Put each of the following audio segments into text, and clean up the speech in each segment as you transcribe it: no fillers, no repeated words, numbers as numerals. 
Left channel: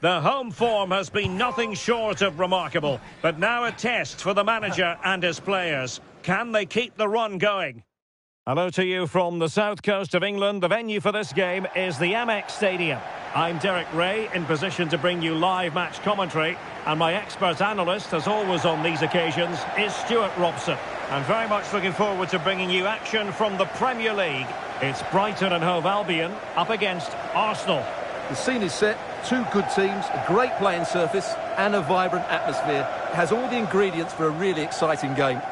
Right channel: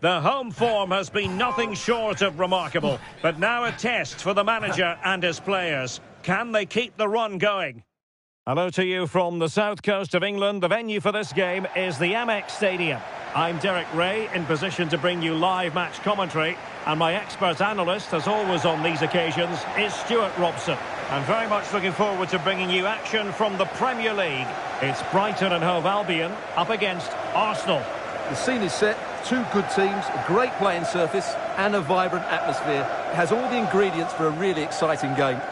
The home form has been nothing short of remarkable, but now a test for the manager and his players. Can they keep the run going? Hello to you from the south coast of England. The venue for this game is the Amex Stadium. I'm Derek Ray, in position to bring you live match commentary, and my expert analyst, as always on these occasions, is Stuart Robson. I'm very much looking forward to bringing you action from the Premier League. It's Brighton and Hove Albion up against Arsenal. The scene is set, two good teams, a great playing surface and a vibrant atmosphere. It has all the ingredients for a really exciting game.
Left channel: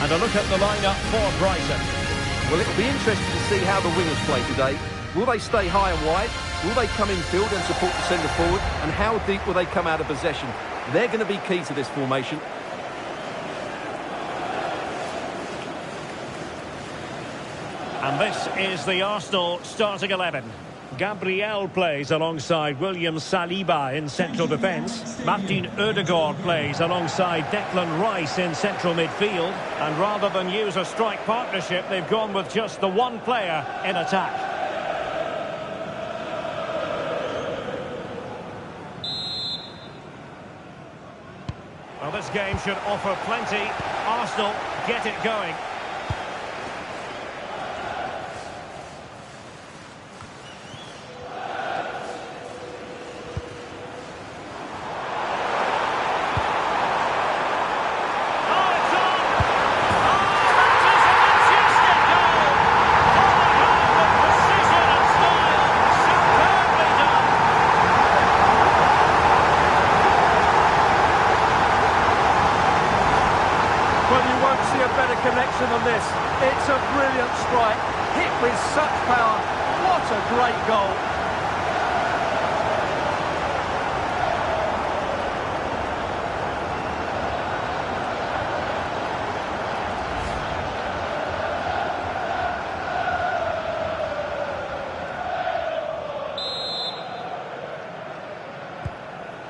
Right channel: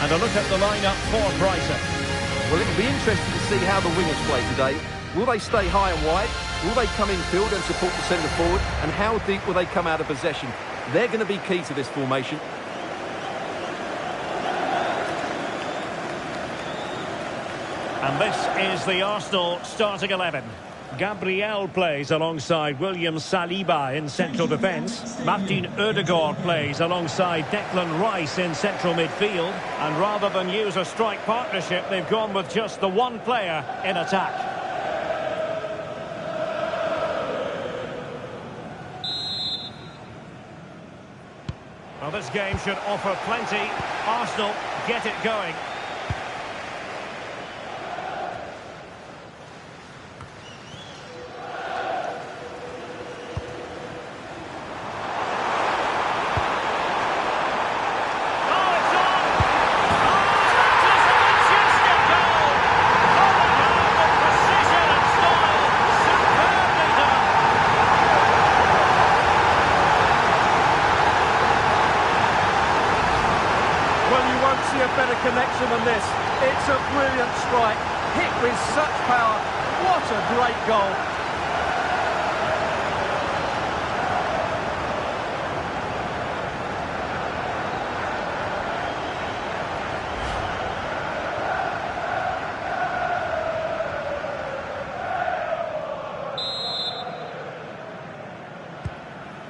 And a look at the lineup for Brighton. Well, it'll be interesting to see how the wingers play today. Will they stay high and wide? Will they come infield and support the centre forward? And how deep will they come out of possession? They're going to be key to this formation. And this is the Arsenal starting 11. Gabriel plays alongside William Saliba in central defence. Martin Ødegaard plays alongside Declan Rice in central midfield. And rather than use a strike partnership, they've gone with just the one player in attack. Well, this game should offer plenty. Arsenal get it going. Well, you won't see a better connection than this. It's a brilliant strike, hit with such power. What a great goal.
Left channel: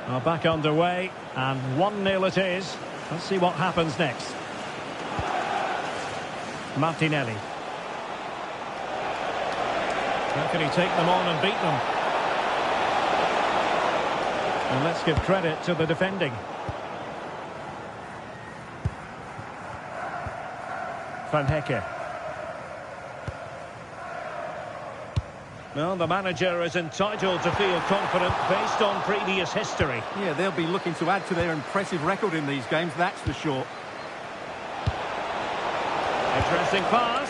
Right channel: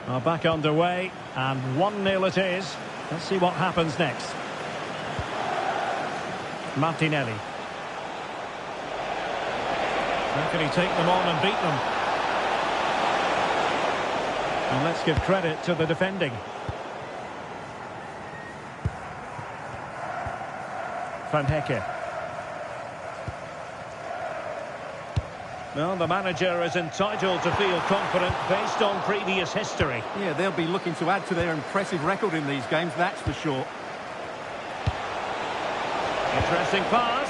Are back underway, and 1-0 it is. Let's see what happens next. Martinelli. How can he take them on and beat them? And let's give credit to the defending. Van Hecke. Well, the manager is entitled to feel confident based on previous history. Yeah, they'll be looking to add to their impressive record in these games, that's for sure. Interesting pass.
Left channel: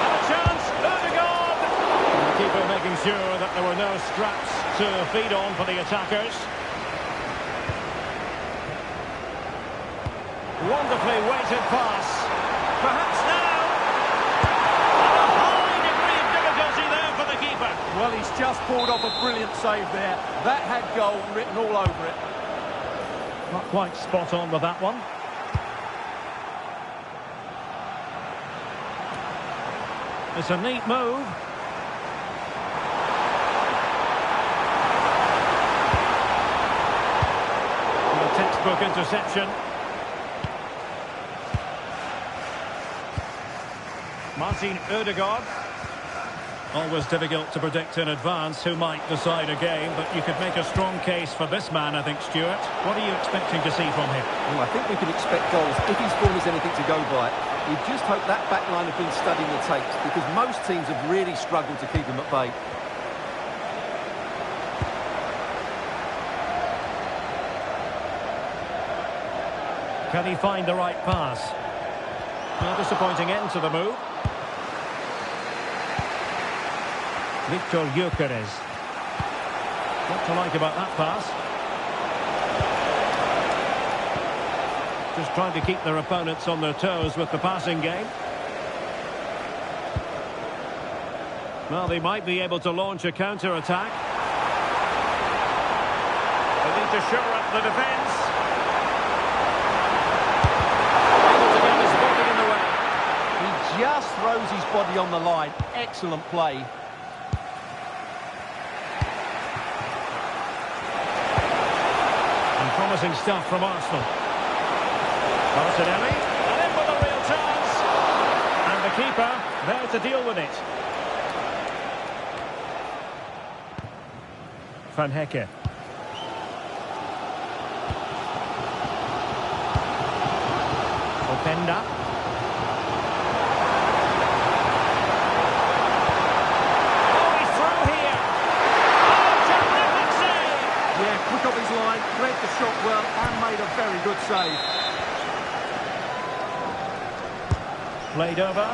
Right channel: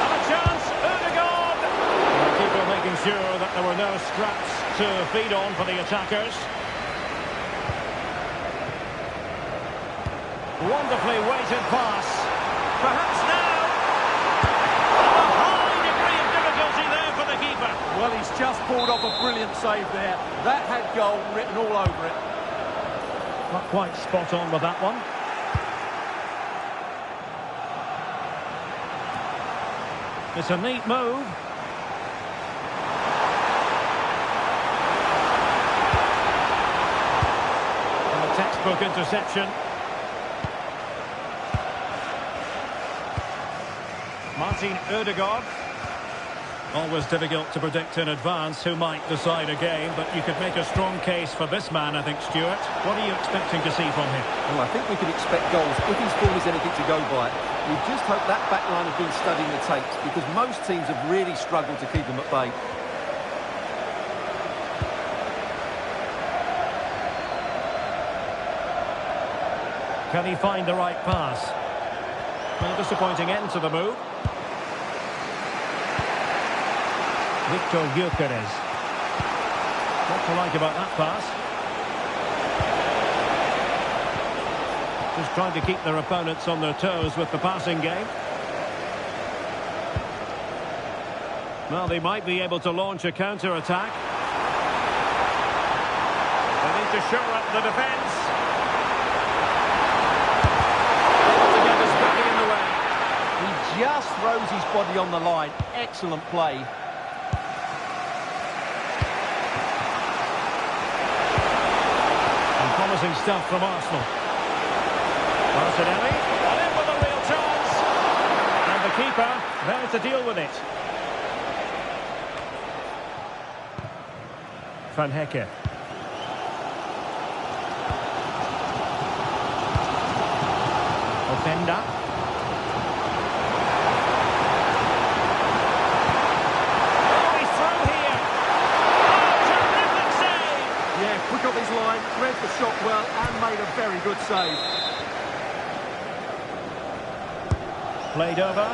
And a chance, Ødegaard. And the keeper making sure that there were no scraps to feed on for the attackers. Wonderfully weighted pass. Perhaps now. And a high degree of difficulty there for the keeper. Well, he's just pulled off a brilliant save there. That had goal written all over it. Not quite spot on with that one. It's a neat move. And a textbook interception. Martin Ødegaard. Always difficult to predict in advance who might decide a game, but you could make a strong case for this man, I think, Stuart. What are you expecting to see from him? Well, I think we can expect goals if his form is anything to go by. You just hope that back line have been studying the tapes, because most teams have really struggled to keep him at bay. Can he find the right pass? A disappointing end to the move. Victor Gyökeres. What to like about that pass? Just trying to keep their opponents on their toes with the passing game. Well, they might be able to launch a counter-attack. They need to shore up the defence. Able to get his body in the way. He just throws his body on the line. Excellent play. And promising stuff from Arsenal. Martinelli, and in with a real chance. And the keeper there to deal with it. Van Hecke. Openda. Oh, he's through here. Oh, terrific save. Yeah, quick off his line, read the shot well and made a very good save. Played over.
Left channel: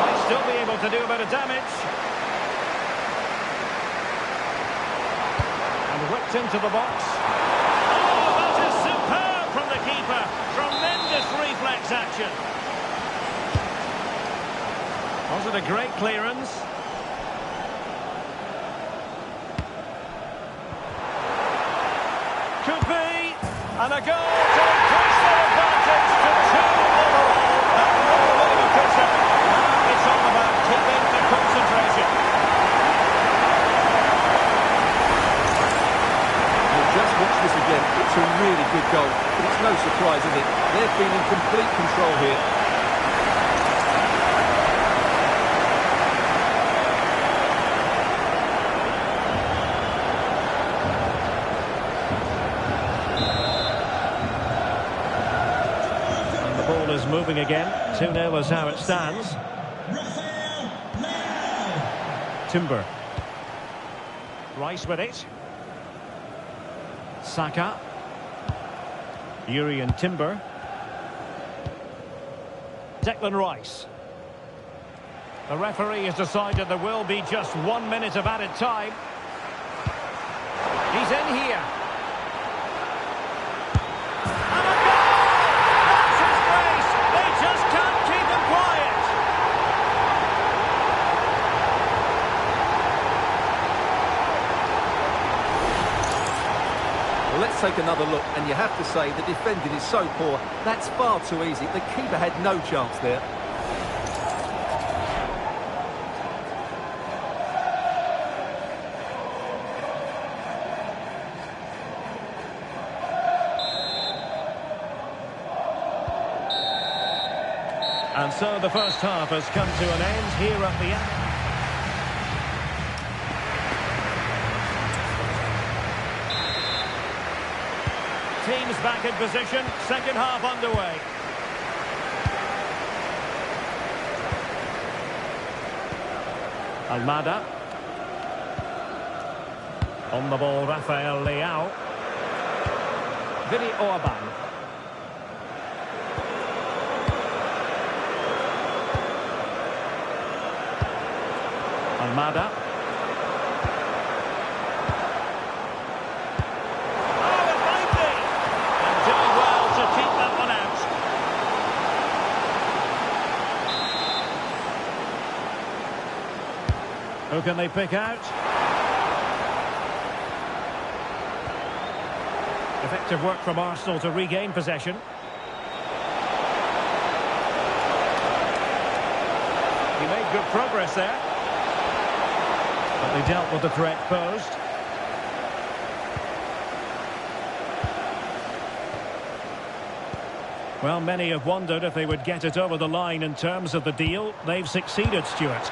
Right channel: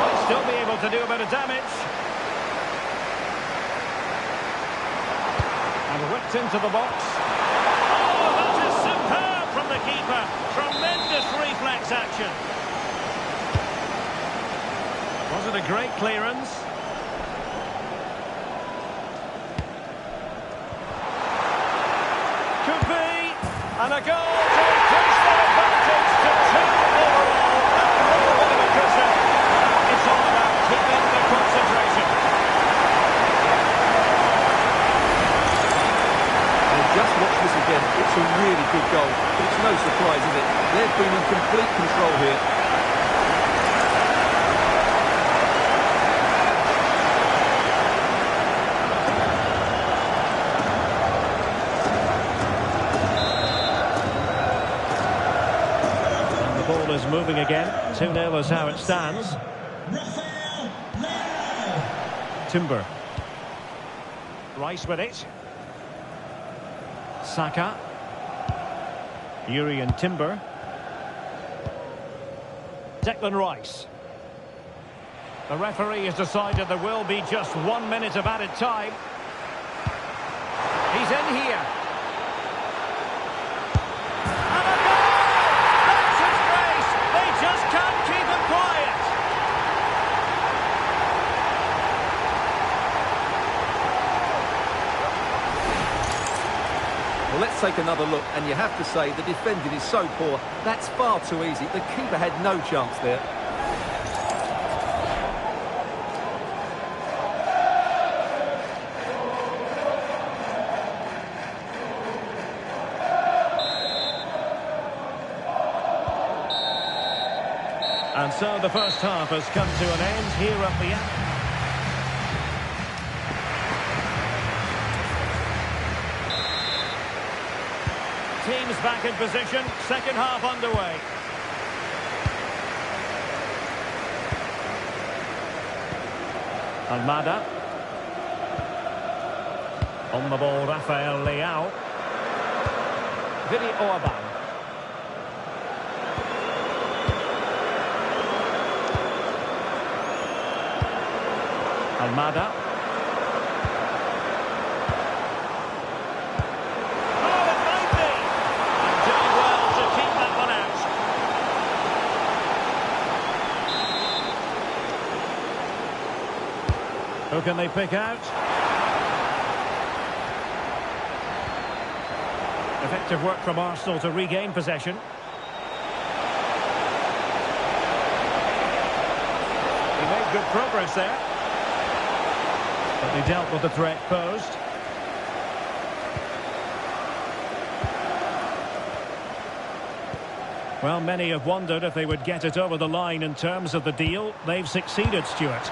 Might still be able to do a bit of damage. And whipped into the box. Oh, that is superb from the keeper. Tremendous reflex action. Was it a great clearance? Could be. And a goal to increase their advantage to 2 overall. A little bit of a cushion. Now it's all about keeping the concentration. Just watch this again. It's a really good goal, but it's no surprise, is it? They've been in complete control here. And the ball is moving again. 2-0 is how it stands. Timber. Rice with it. Saka. Yuri and Timber. Declan Rice. The referee has decided there will be just 1 minute of added time. He's in here. And a goal! That's his grace! They just can't keep him quiet. Well, let's take another look, and you have to say the defending is so poor. That's far too easy. The keeper had no chance there. And so the first half has come to an end here at the end. Teams back in position, second half underway. Almada. On the ball, Rafael Leao. Vini Orban. Almada. Oh, it might be! And doing well to keep that one out. Who can they pick out? Effective work from Arsenal to regain possession. He made good progress there. But they dealt with the threat posed. Well, many have wondered if they would get it over the line in terms of the deal. They've succeeded, Stuart.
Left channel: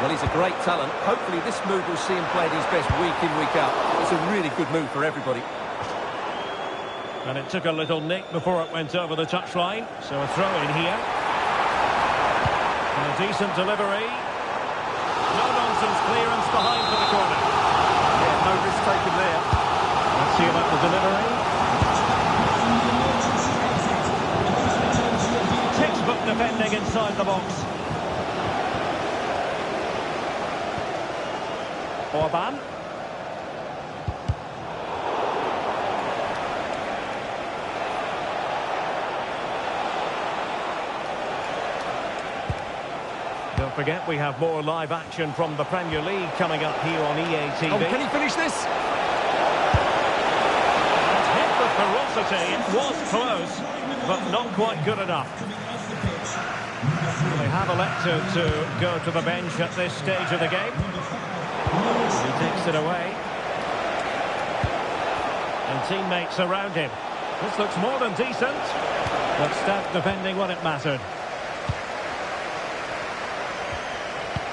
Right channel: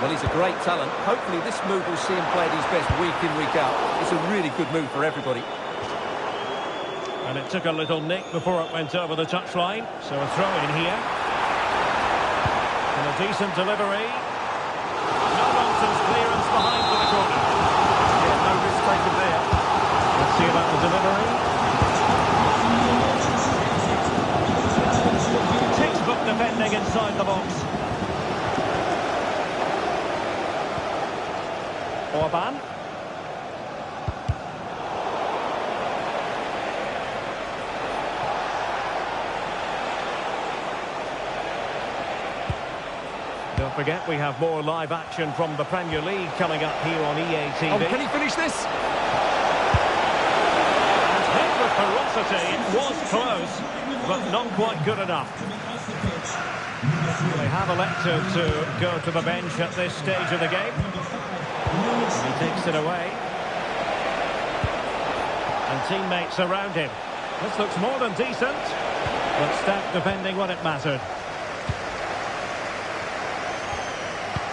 Well, he's a great talent. Hopefully this move will see him play at his best week in, week out. It's a really good move for everybody. And it took a little nick before it went over the touchline. So a throw in here. And a decent delivery. No-nonsense clearance behind for the corner. Yeah, no risk taken there. Let's see about the delivery. Textbook defending inside the box. Orban. Don't forget, we have more live action from the Premier League coming up here on EA TV. Oh, can he finish this? And hit with ferocity. It was close, but not quite good enough. Well, they have elected to go to the bench at this stage of the game. And he takes it away. And teammates around him. This looks more than decent, but stout defending when it mattered.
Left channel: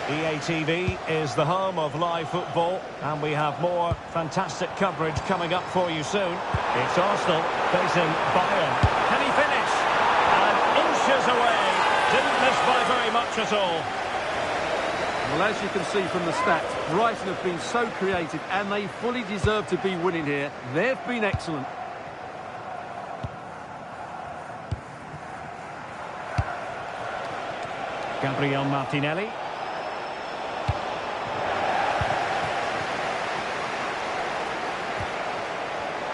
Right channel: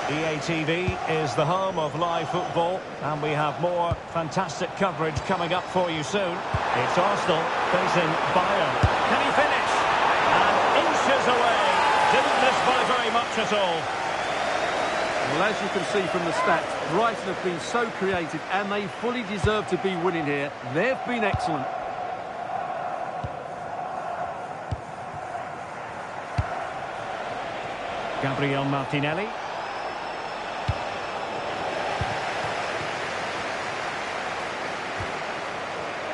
EA TV is the home of live football, and we have more fantastic coverage coming up for you soon. It's Arsenal facing Bayern. Can he finish? And inches away. Didn't miss by very much at all. Well, as you can see from the stats, Brighton have been so creative, and they fully deserve to be winning here. They've been excellent. Gabriel Martinelli.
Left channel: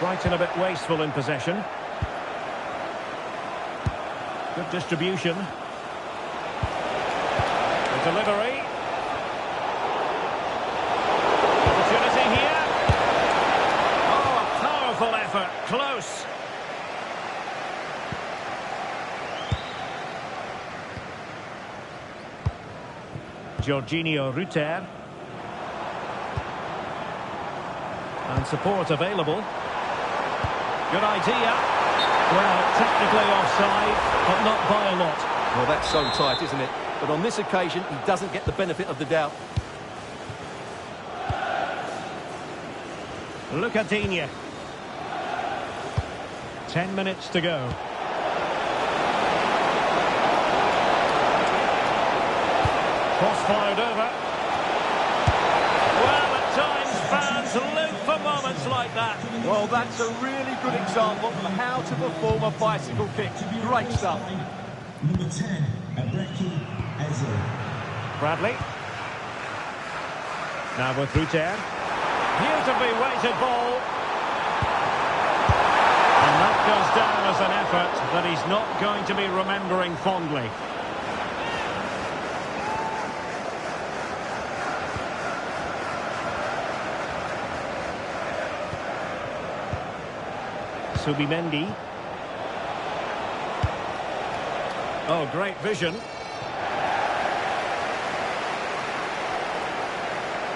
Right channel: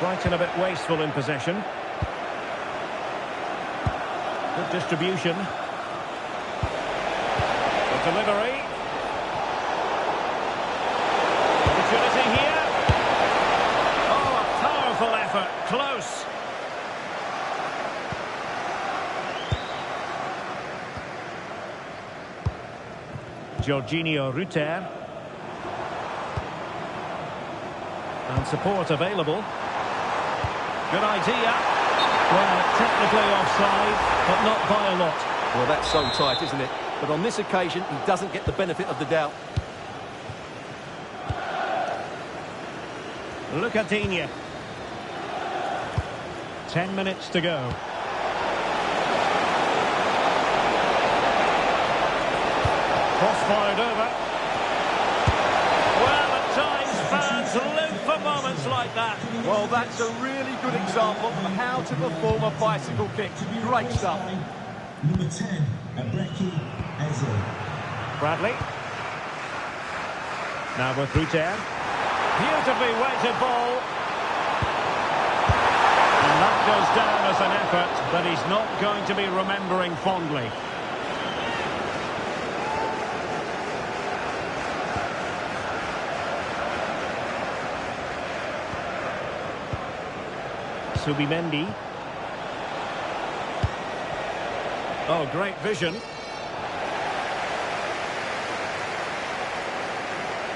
Brighton a bit wasteful in possession. Good distribution. The delivery. Opportunity here. Oh, a powerful effort. Close. Jorginho Rutter. And support available. Good idea. Well, technically offside, but not by a lot. Well, that's so tight, isn't it? But on this occasion, he doesn't get the benefit of the doubt. Look at Bine. 10 minutes to go. Cross-fired over. Well, at times, fans live for moments like that. Well, that's a really good example of how to perform a bicycle kick. Great stuff. Number 10, Abonează-te. Bradley. Now with Rutter. Beautifully weighted ball. And that goes down as an effort that he's not going to be remembering fondly. Subimendi. Oh, great vision.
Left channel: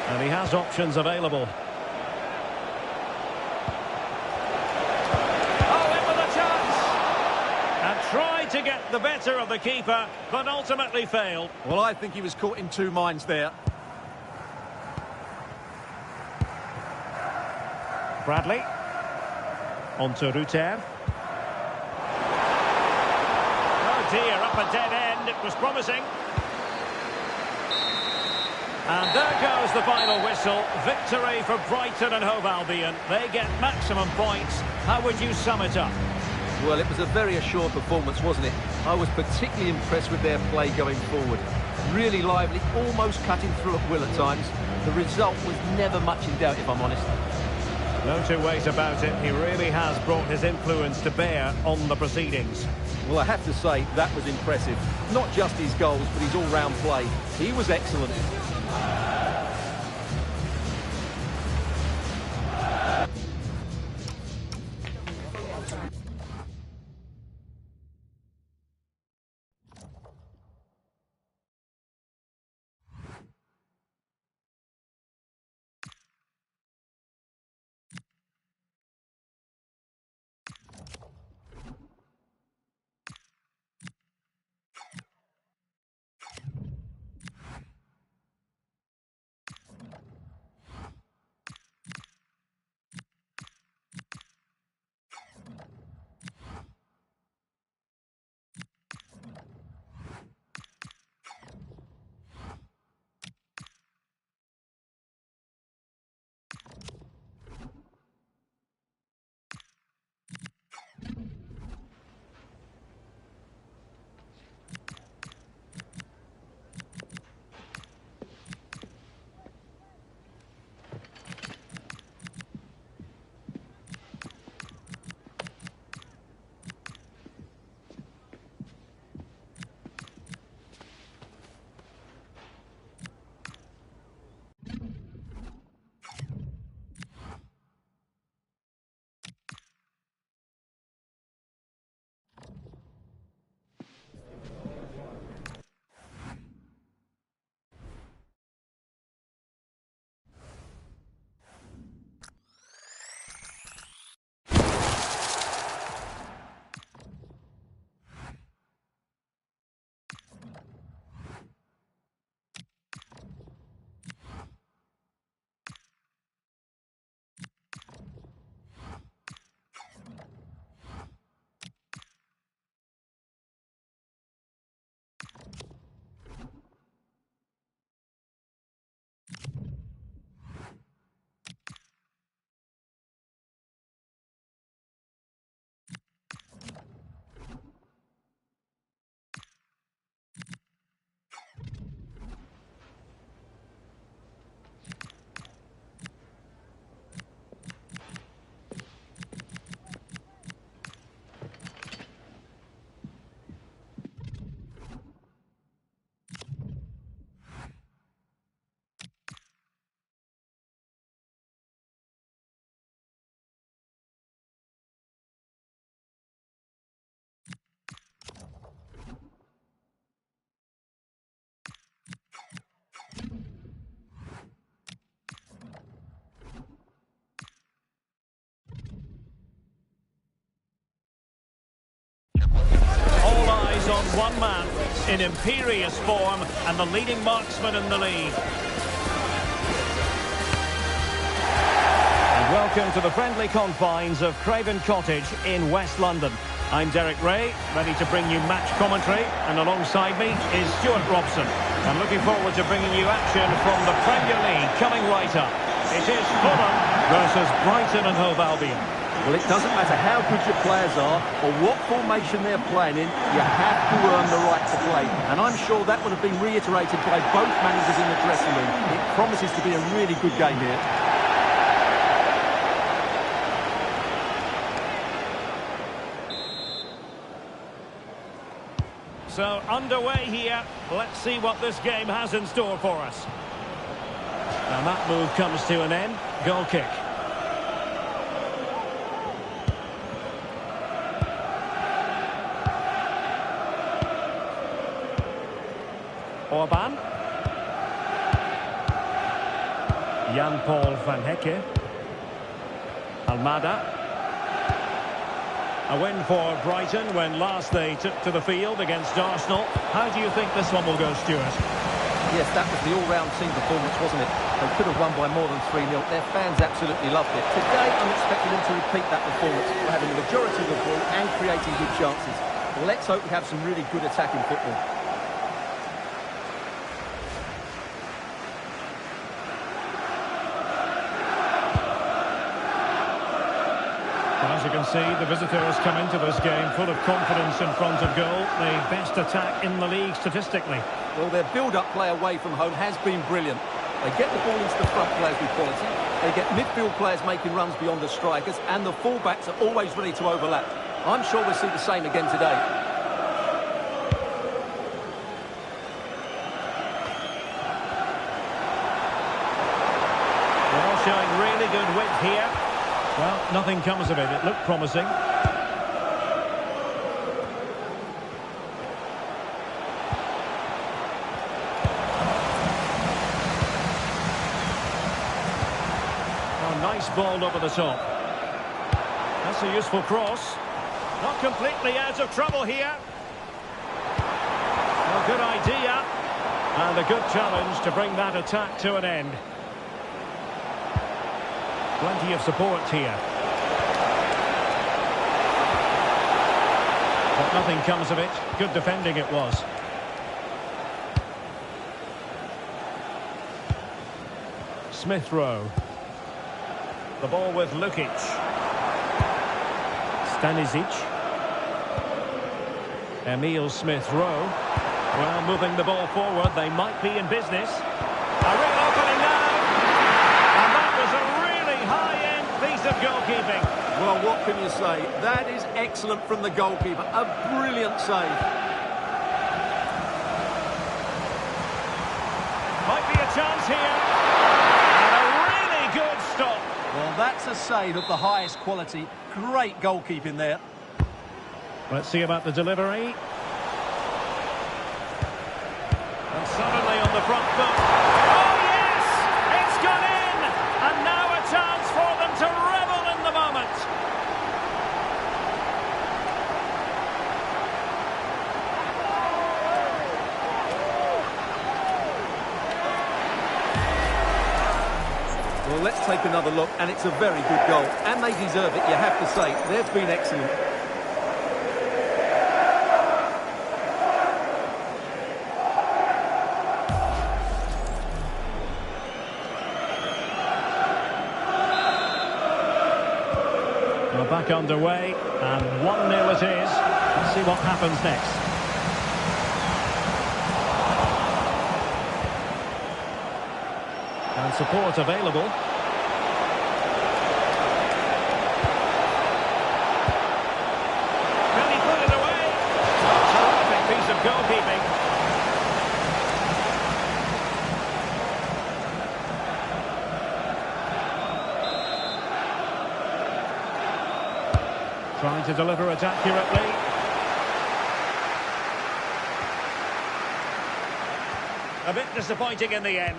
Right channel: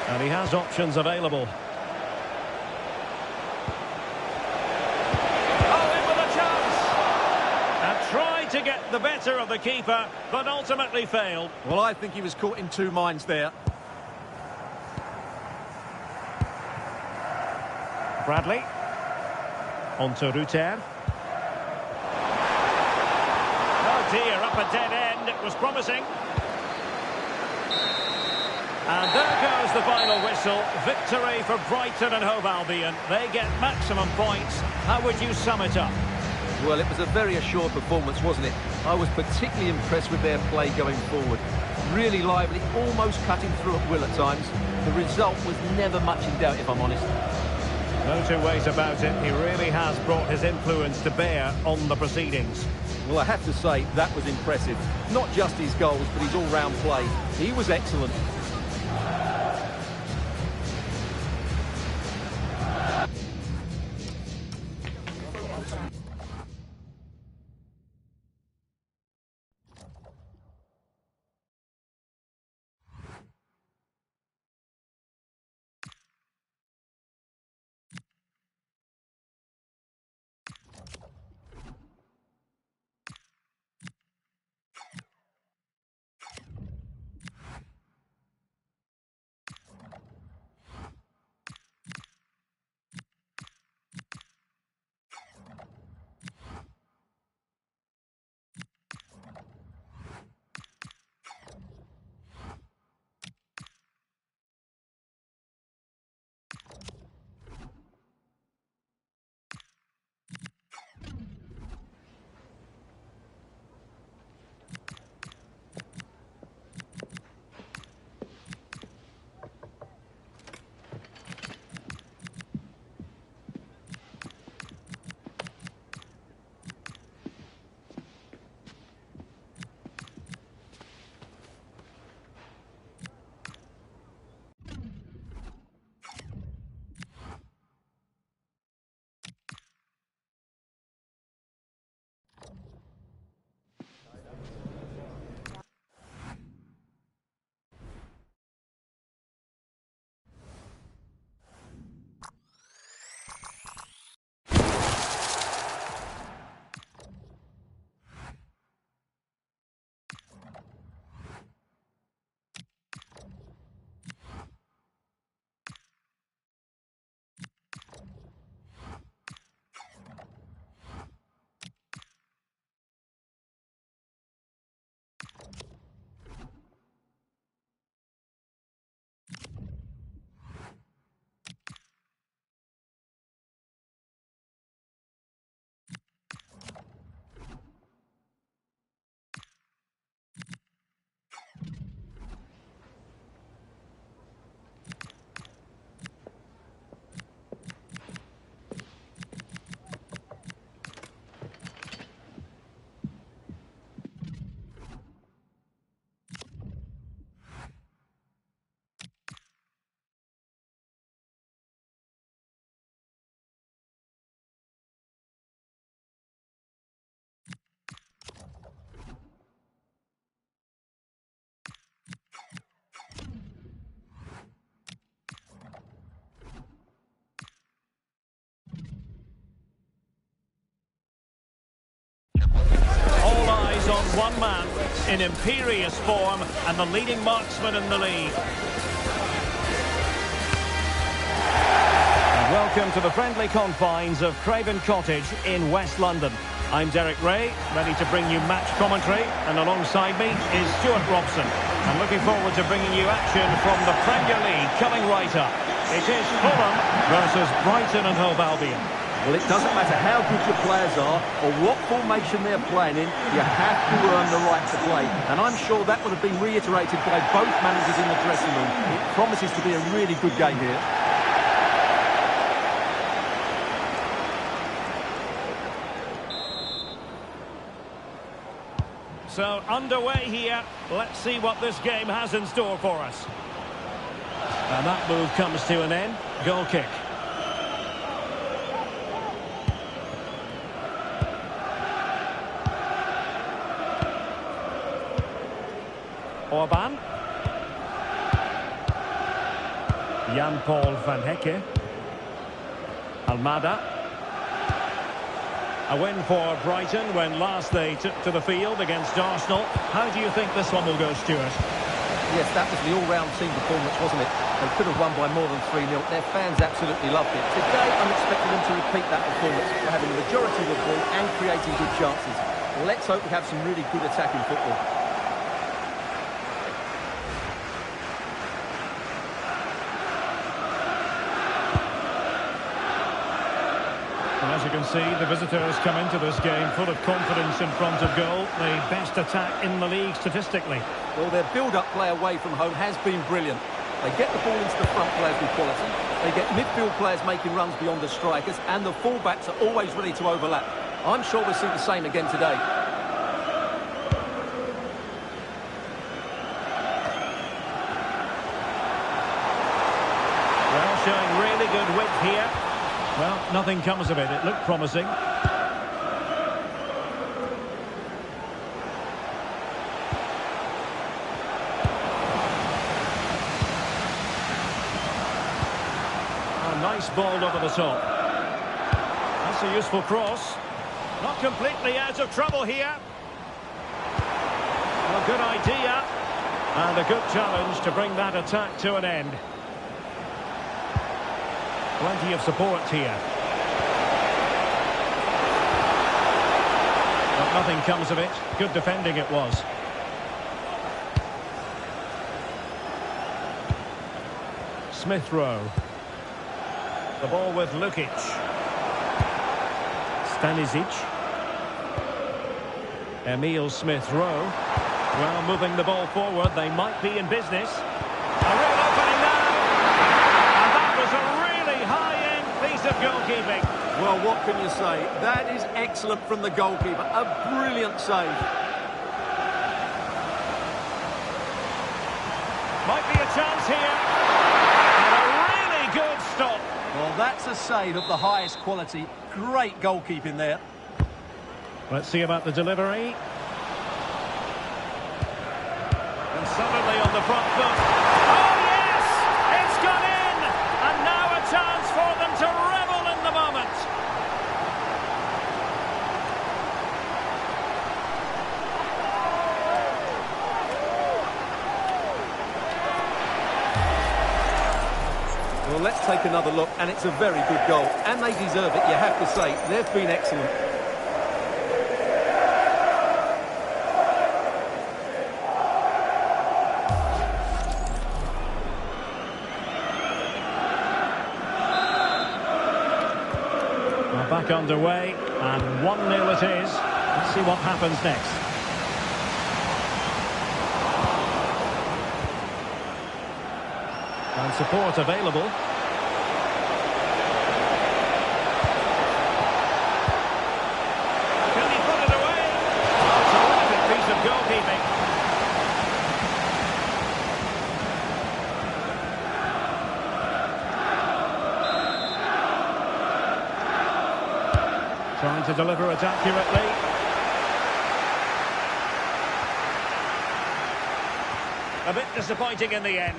And he has options available. Oh, in with a chance! And tried to get the better of the keeper, but ultimately failed. Well, I think he was caught in two minds there. Bradley. On to Rutter. Oh dear, up a dead end. It was promising. And there goes the final whistle. Victory for Brighton and Hove Albion. They get maximum points. How would you sum it up? Well, it was a very assured performance, wasn't it? I was particularly impressed with their play going forward. Really lively, almost cutting through at will at times. The result was never much in doubt, if I'm honest. No two ways about it. He really has brought his influence to bear on the proceedings. Well, I have to say, that was impressive. Not just his goals, but his all-round play. He was excellent. in imperious form and the leading marksman in the league. And welcome to the friendly confines of Craven Cottage in West London. I'm Derek Ray, ready to bring you match commentary, and alongside me is Stuart Robson. I'm looking forward to bringing you action from the Premier League coming right up. It is Fulham versus Brighton and Hove Albion. Well, it doesn't matter how good your players are or what formation they're playing in, you have to earn the right to play. And I'm sure that would have been reiterated by both managers in the dressing room. It promises to be a really good game here. So, underway here. Let's see what this game has in store for us. And that move comes to an end. Goal kick. Orban. Jan-Paul van Hecke. Almada. A win for Brighton when last they took to the field against Arsenal. How do you think this one will go, Stuart? Yes, that was the all-round team performance, wasn't it? They could have won by more than 3-0. Their fans absolutely loved it. Today, I'm expecting them to repeat that performance by having the majority of the ball and creating good chances. Let's hope we have some really good attacking football. Well, as you can see, the visitors come into this game full of confidence in front of goal. The best attack in the league statistically. Well, their build-up play away from home has been brilliant. They get the ball into the front players with quality. They get midfield players making runs beyond the strikers, and the full-backs are always ready to overlap. I'm sure we'll see the same again today. Well, showing really good width here. Well, nothing comes of it. It looked promising. Oh, nice ball over the top. That's a useful cross. Not completely out of trouble here. Well, good idea. And a good challenge to bring that attack to an end. Plenty of support here. But nothing comes of it. Good defending it was. Smith Rowe. The ball with Lukic. Stanisic. Emil Smith Rowe. Well, moving the ball forward, they might be in business. A real opening now. And that was a really high-end piece of goalkeeping. Well, what can you say? That is excellent from the goalkeeper. A brilliant save. Might be a chance here. And a really good stop. Well, that's a save of the highest quality. Great goalkeeping there. Let's see about the delivery. And suddenly on the front foot. Oh, yes! It's gone in! And now a chance for them to revel in the moment. Well, let's take another look, and it's a very good goal. And they deserve it, you have to say. They've been excellent. Well, back underway, and 1-0 it is. Let's see what happens next. And support available. Can he put it away? Oh, terrific piece of goalkeeping. Trying to deliver it accurately. A bit disappointing in the end.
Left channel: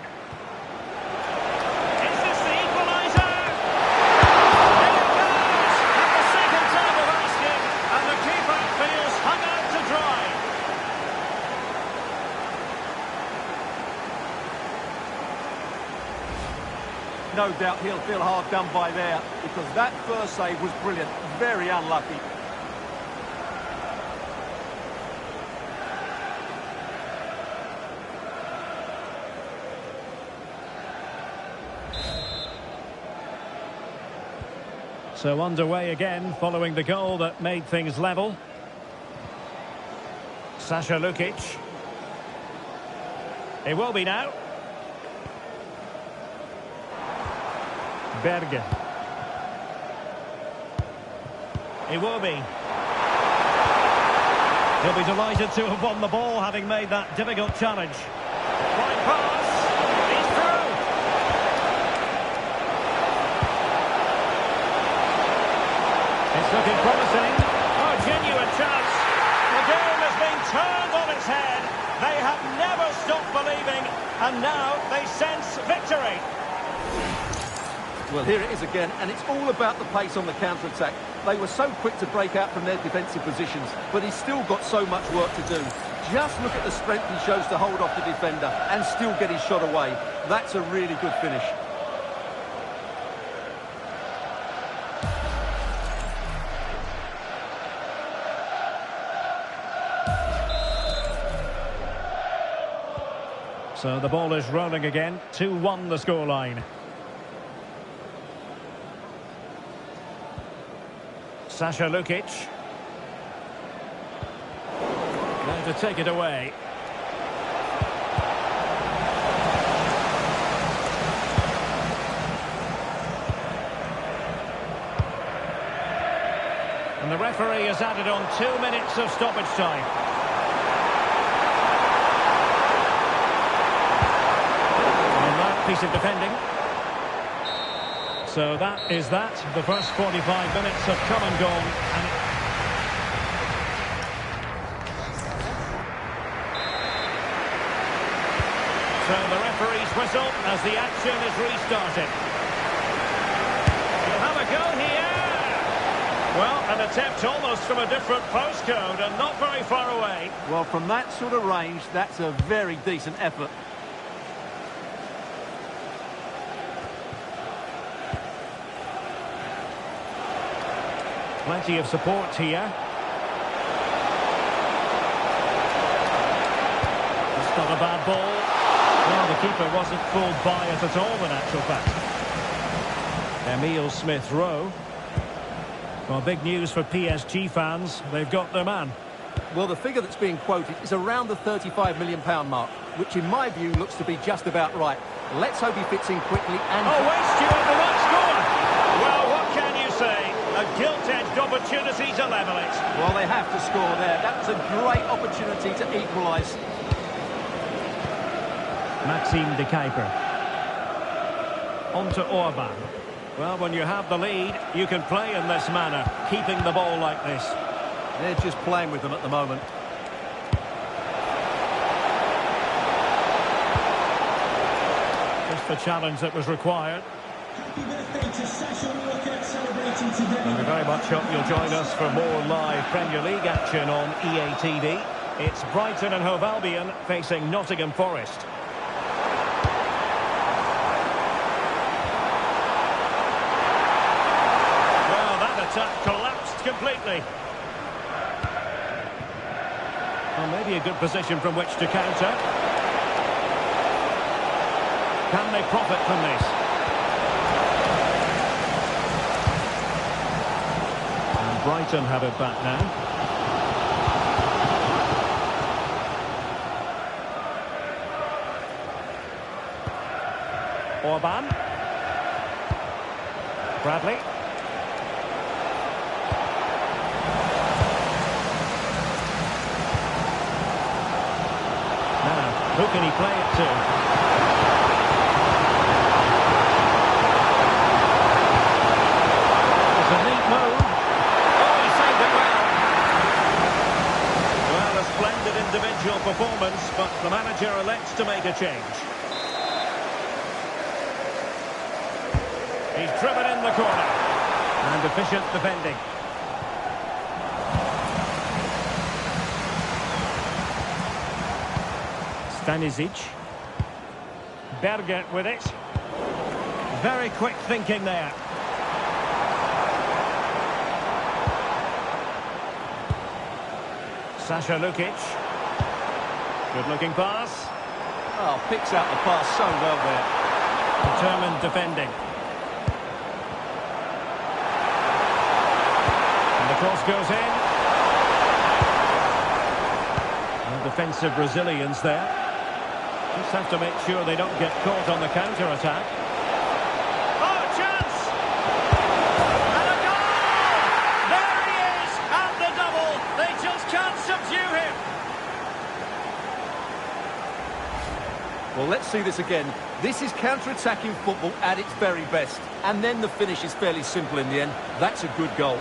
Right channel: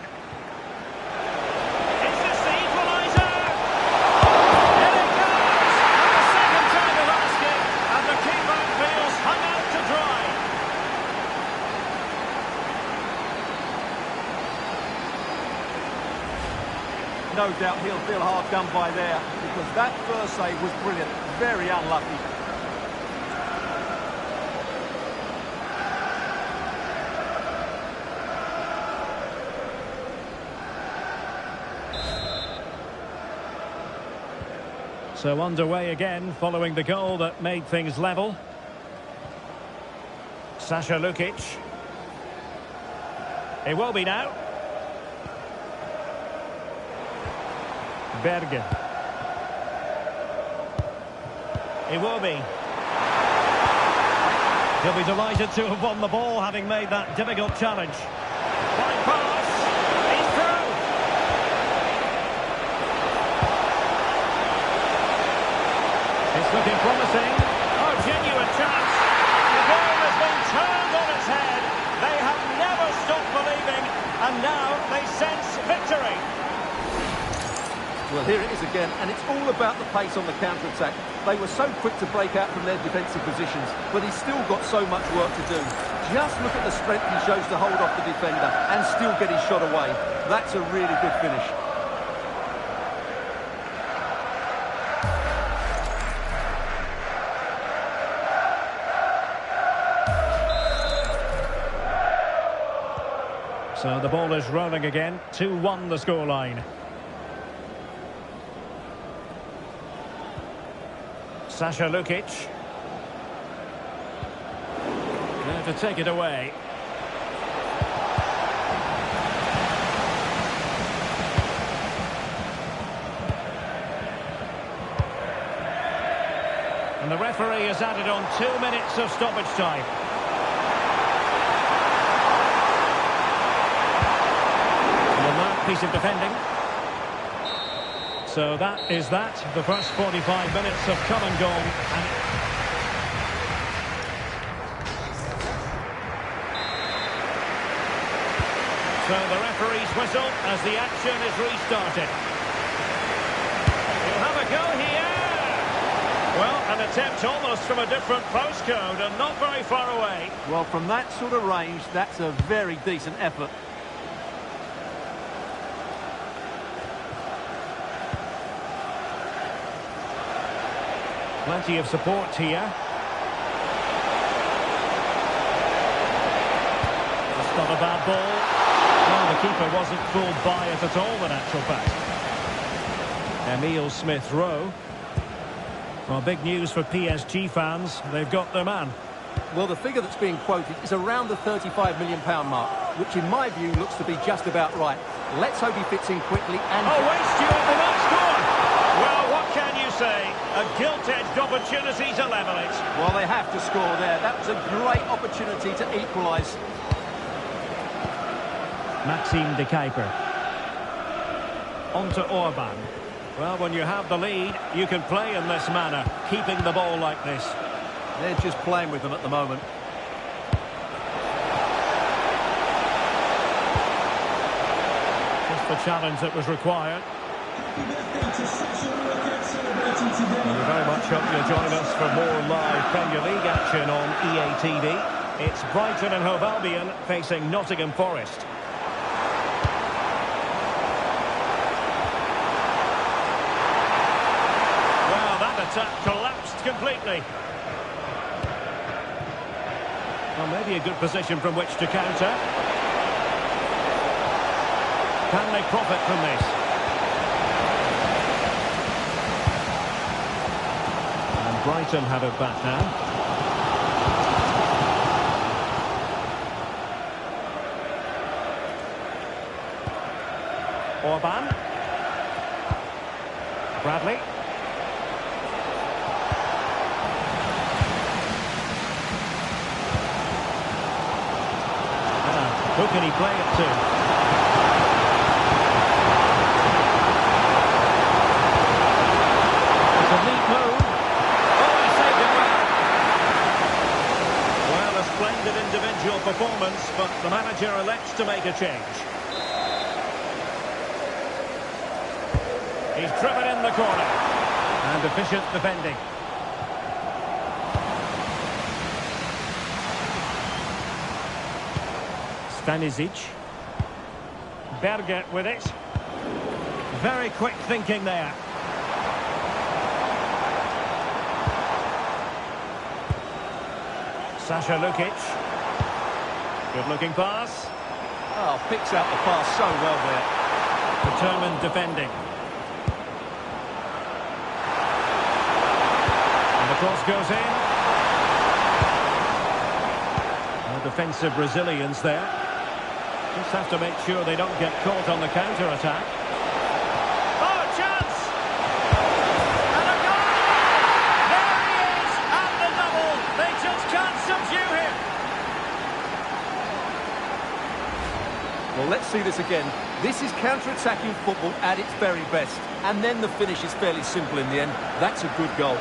Is this the equaliser? In it goes! At the second time of asking, and the keeper feels hung out to dry. no doubt he'll feel hard done by there, because that first save was brilliant. Very unlucky. So underway again, following the goal that made things level. Sasha Lukic. It will be now. Berge. It will be. He'll be delighted to have won the ball, having made that difficult challenge. Fine pass. He's through. It's looking promising. Oh, genuine chance. The game has been turned on its head. They have never stopped believing, and now they sense victory. Well, here it is again, and it's all about the pace on the counter-attack. They were so quick to break out from their defensive positions, but he's still got so much work to do. Just look at the strength he shows to hold off the defender and still get his shot away. That's a really good finish. So the ball is rolling again. 2-1 the scoreline. Sasha Lukic. There to take it away. And the referee has added on 2 minutes of stoppage time. And that piece of defending. So that is that. The first 45 minutes have come and gone. And so the referee's whistle as the action is restarted. He'll have a go here. Well, an attempt almost from a different postcode and not very far away. Well, from that sort of range, that's a very decent effort. Plenty of support here. That's not a bad ball. Well, the keeper wasn't fooled by it at all, in actual fact. Emile Smith-Rowe. Well, big news for PSG fans. They've got their man. Well, the figure that's being quoted is around the £35 million mark, which in my view looks to be just about right. Let's hope he fits in quickly and... Oh, wait, Stuart, they might score! Well, what can you say? A gilt-edged opportunity to level it. Well, they have to score there. That was a great opportunity to equalise. Maxime de Kuiper. On to Orban. Well, when you have the lead, you can play in this manner, keeping the ball like this. They're just playing with them at the moment. Just the challenge that was required. Happy birthday to Sasha Lukic celebrating today. Well, we very much hope you'll join us for more live Premier League action on EA TV. It's Brighton and Hove Albion facing Nottingham Forest. Well, that attack collapsed completely. Well, maybe a good position from which to counter. Can they profit from this? And Brighton have it back now. Orban. Bradley. Now, who can he play it to? It's a neat move. Oh, he saved it well. Well, a splendid individual performance, but the manager elects to make a change. He's driven in the corner. And efficient defending. Stanisic. Berge with it. Very quick thinking there. Sasha Lukic. Good-looking pass. Oh, picks out the pass so well there. Determined defending. And the cross goes in. No defensive resilience there. Just have to make sure they don't get caught on the counter-attack. Oh, chance! And a goal! There he is, at the double. They just can't subdue him. Well, let's see this again. This is counter-attacking football at its very best. And then the finish is fairly simple in the end. That's a good goal.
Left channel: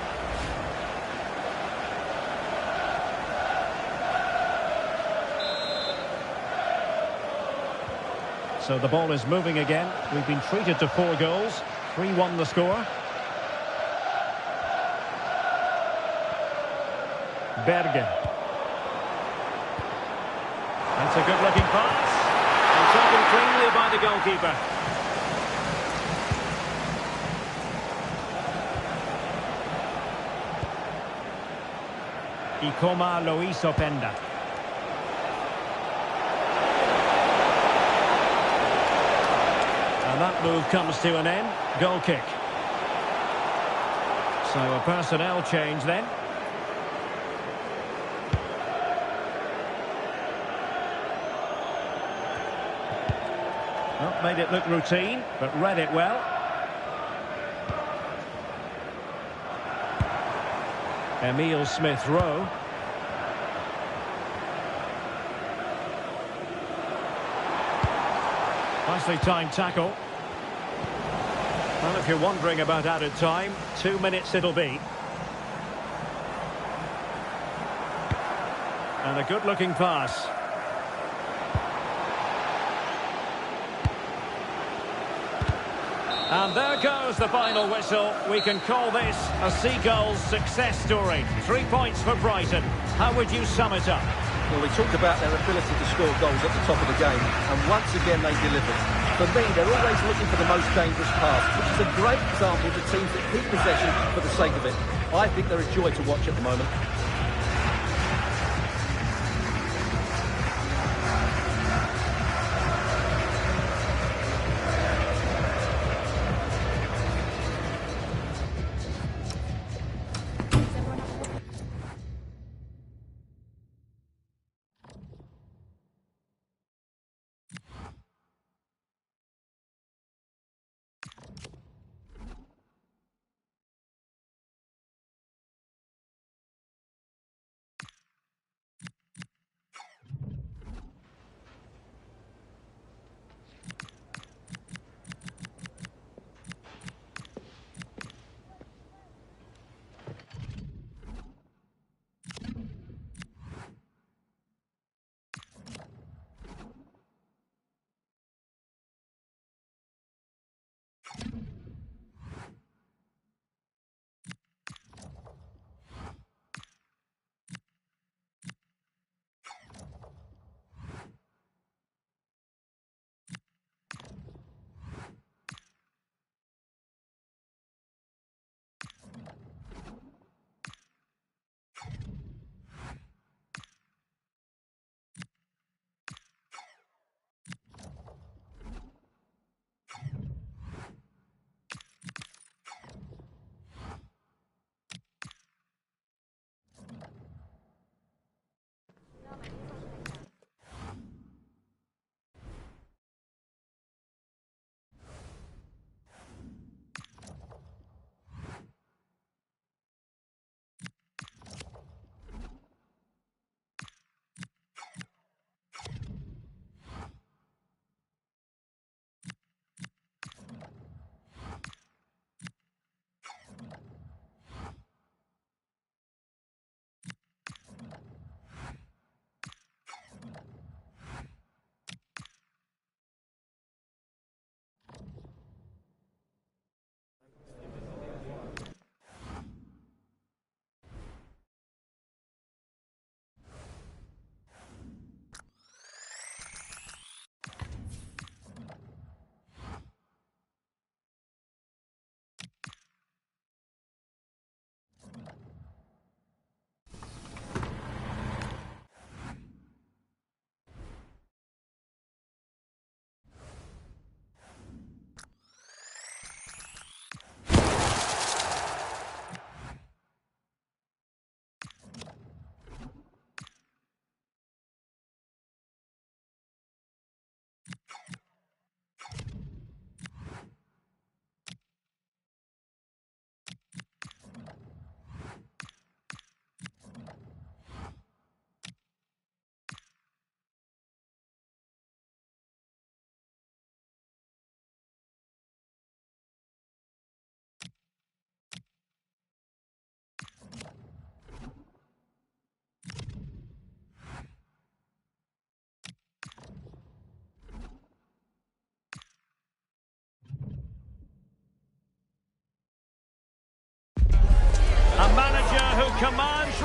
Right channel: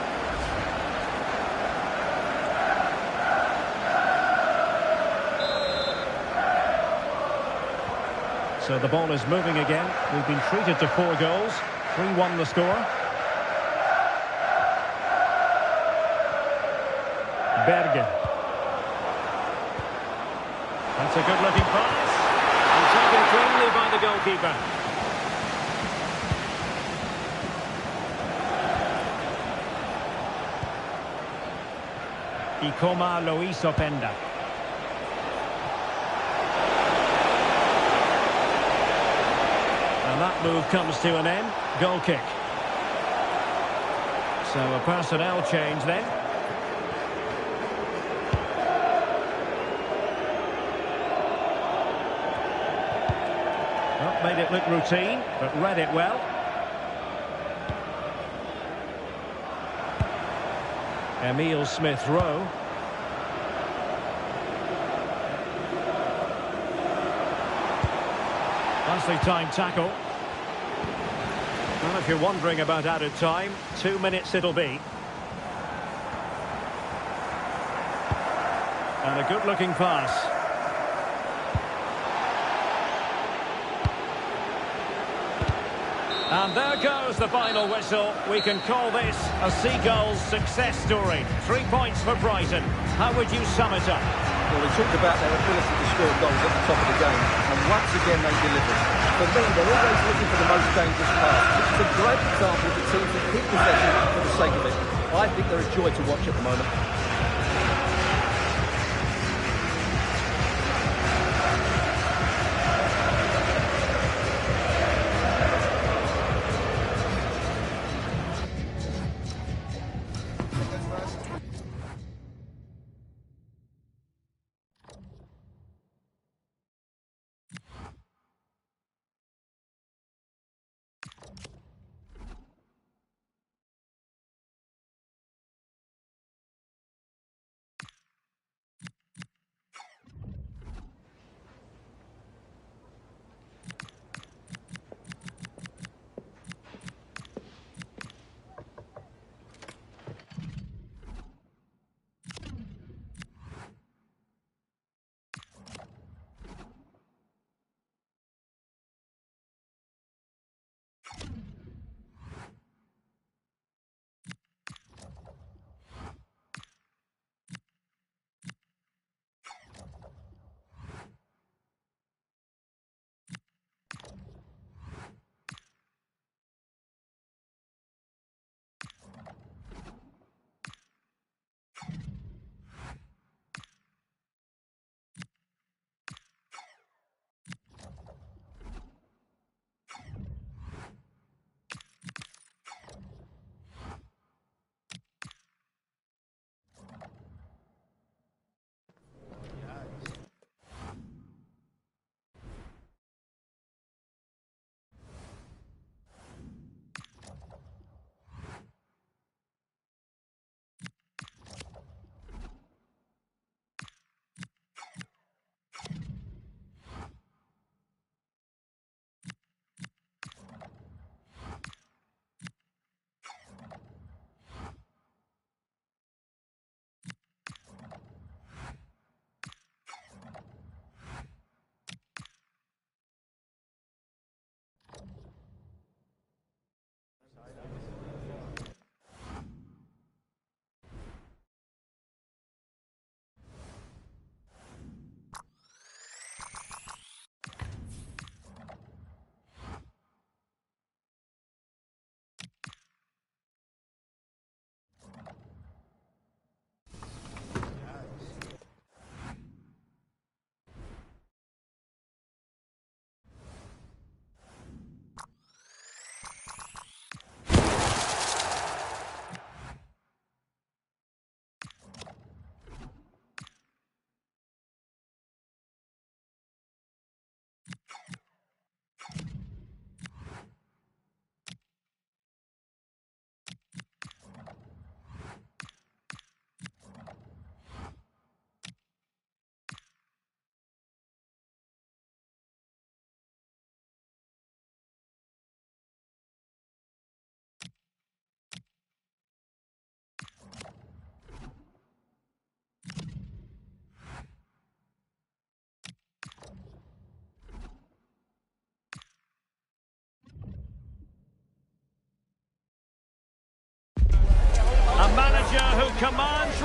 So the ball is moving again. We've been treated to 4 goals. 3-1 the score. Berge. That's a good-looking pass. And taken cleanly by the goalkeeper. echipa+meciuri. And that move comes to an end. Goal kick. So a personnel change then. Well, made it look routine, but read it well. Emile Smith-Rowe. Nicely timed tackle. Well, if you're wondering about added time, 2 minutes it'll be. And a good-looking pass. And there goes the final whistle. We can call this a Seagulls success story. 3 points for Brighton. How would you sum it up? Well, we talked about their ability to score goals at the top of the game, and once again they delivered. For me, they're always looking for the most dangerous pass, which is a great example of teams that keep possession for the sake of it. I think they're a joy to watch at the moment.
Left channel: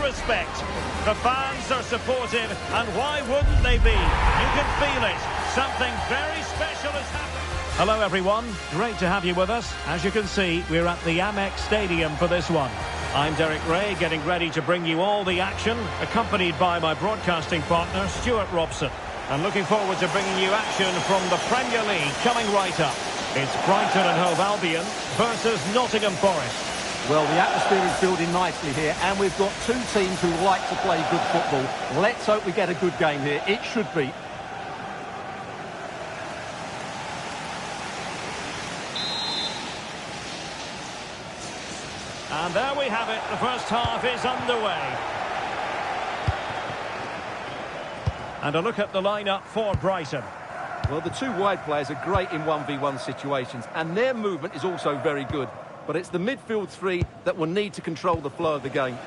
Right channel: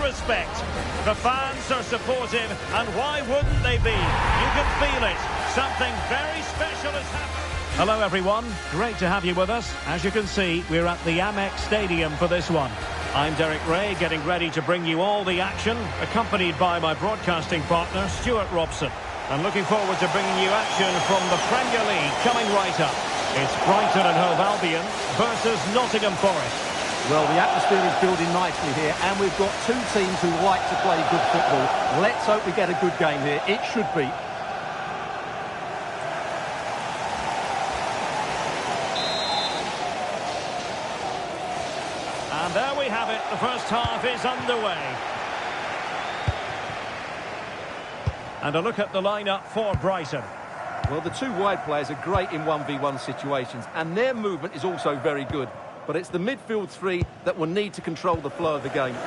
respect. The fans are supportive, and why wouldn't they be? You can feel it. Something very special has happened. Hello everyone, great to have you with us. As you can see, we're at the Amex Stadium for this one. I'm Derek Ray, getting ready to bring you all the action, accompanied by my broadcasting partner, Stuart Robson. And looking forward to bringing you action from the Premier League coming right up. It's Brighton and Hove Albion versus Nottingham Forest. Well, the atmosphere is building nicely here, and we've got two teams who like to play good football. Let's hope we get a good game here. It should be. And there we have it. The first half is underway. And a look at the lineup for Brighton. Well, the two wide players are great in 1v1 situations, and their movement is also very good. But it's the midfield three that will need to control the flow of the game.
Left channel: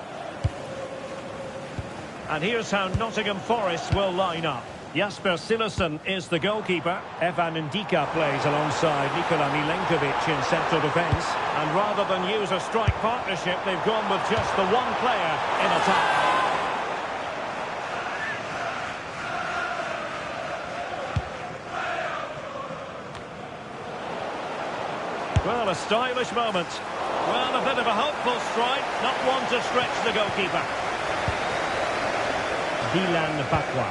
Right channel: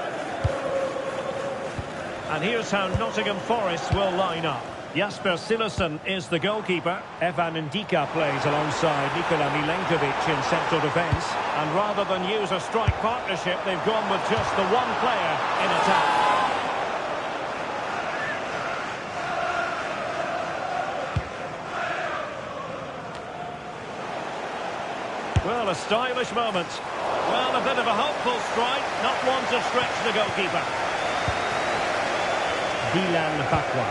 And here's how Nottingham Forest will line up. Jasper Cillessen is the goalkeeper. Evan Ndika plays alongside Nikola Milenkovic in central defence. And rather than use a strike partnership, they've gone with just the one player in attack. Well, a stylish moment. Well, a bit of a hopeful strike, not one to stretch the goalkeeper. Dylan Bakwa.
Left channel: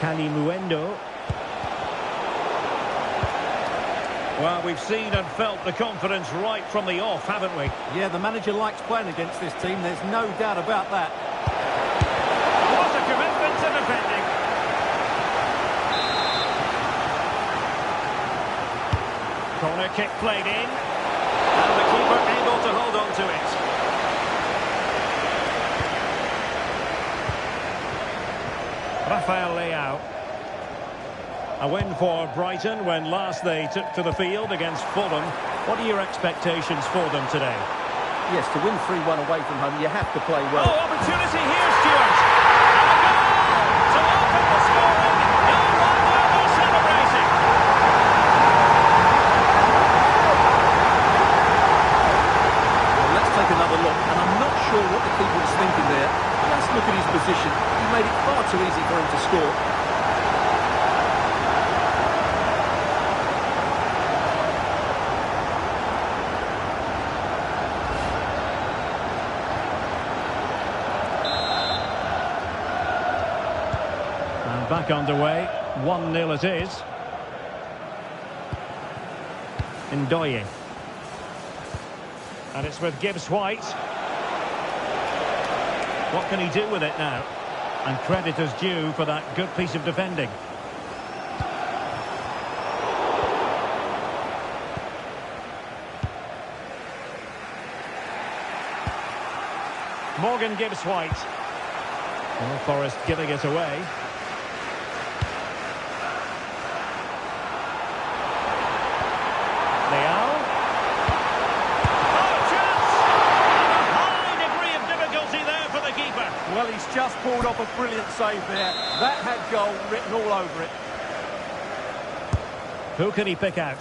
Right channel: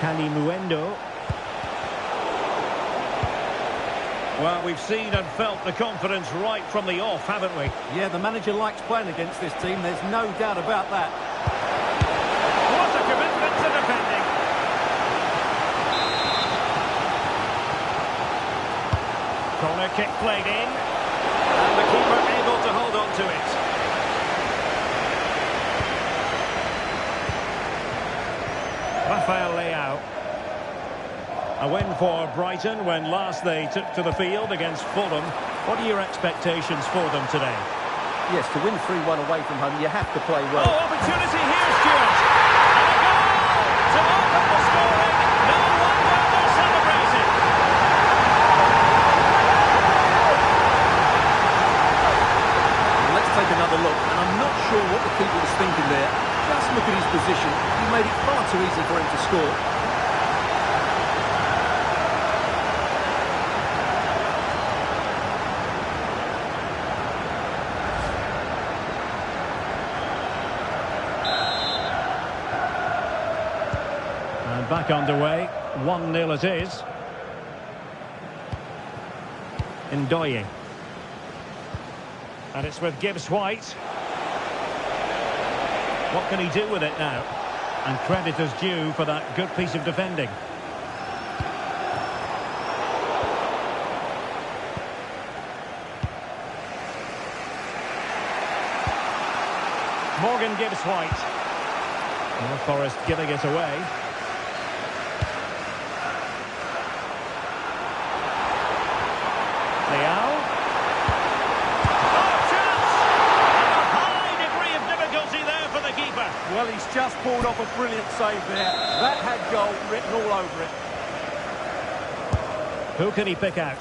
Kalimuendo. Well, we've seen and felt the confidence right from the off, haven't we? Yeah, the manager likes playing against this team, there's no doubt about that. What a commitment to defending. Corner kick played in, and the keeper able to hold on to it. Rafael Leao. A win for Brighton when last they took to the field against Fulham. What are your expectations for them today? Yes, to win 3-1 away from home, you have to play well. Oh, opportunity here, Stuart! And a goal to open the scoring. No wonder they're celebrating. Let's take another look, and I'm not sure what the keeper was thinking there. Just look at his position. He made it far too easy for him to score. And back underway. 1-0 it is. Ndoye. And it's with Gibbs-White. What can he do with it now? And credit is due for that good piece of defending. Morgan Gibbs-White. Well, Forest giving it away. Leao. Well, he's just pulled off a brilliant save there. That had goal written all over it. Who can he pick out?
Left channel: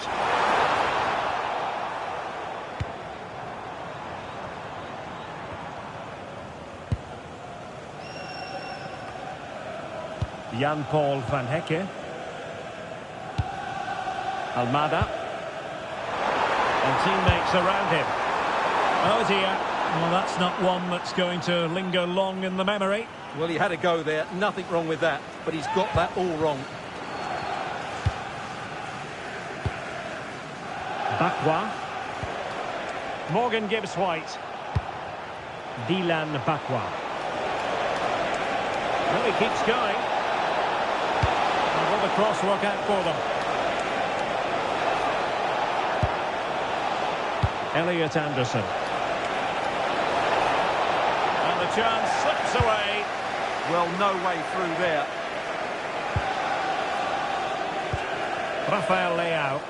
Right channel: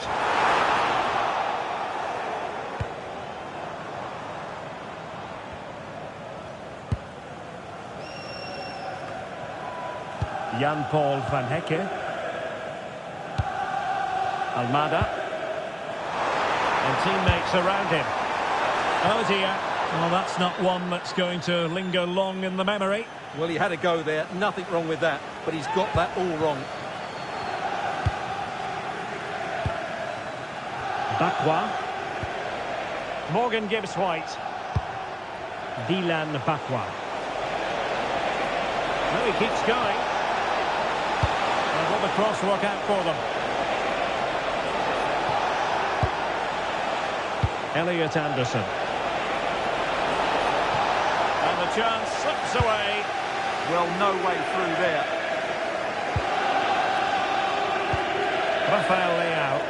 Jan-Paul van Hecke. Almada. And teammates around him. Oh dear. Well, that's not one that's going to linger long in the memory. Well, he had a go there. Nothing wrong with that. But he's got that all wrong. Bakwa. Morgan Gibbs-White. Dylan Bakwa. Well, he keeps going. And will the cross work out for them? Elliot Anderson. And the chance slips away. Well, no way through there. Rafael Leao.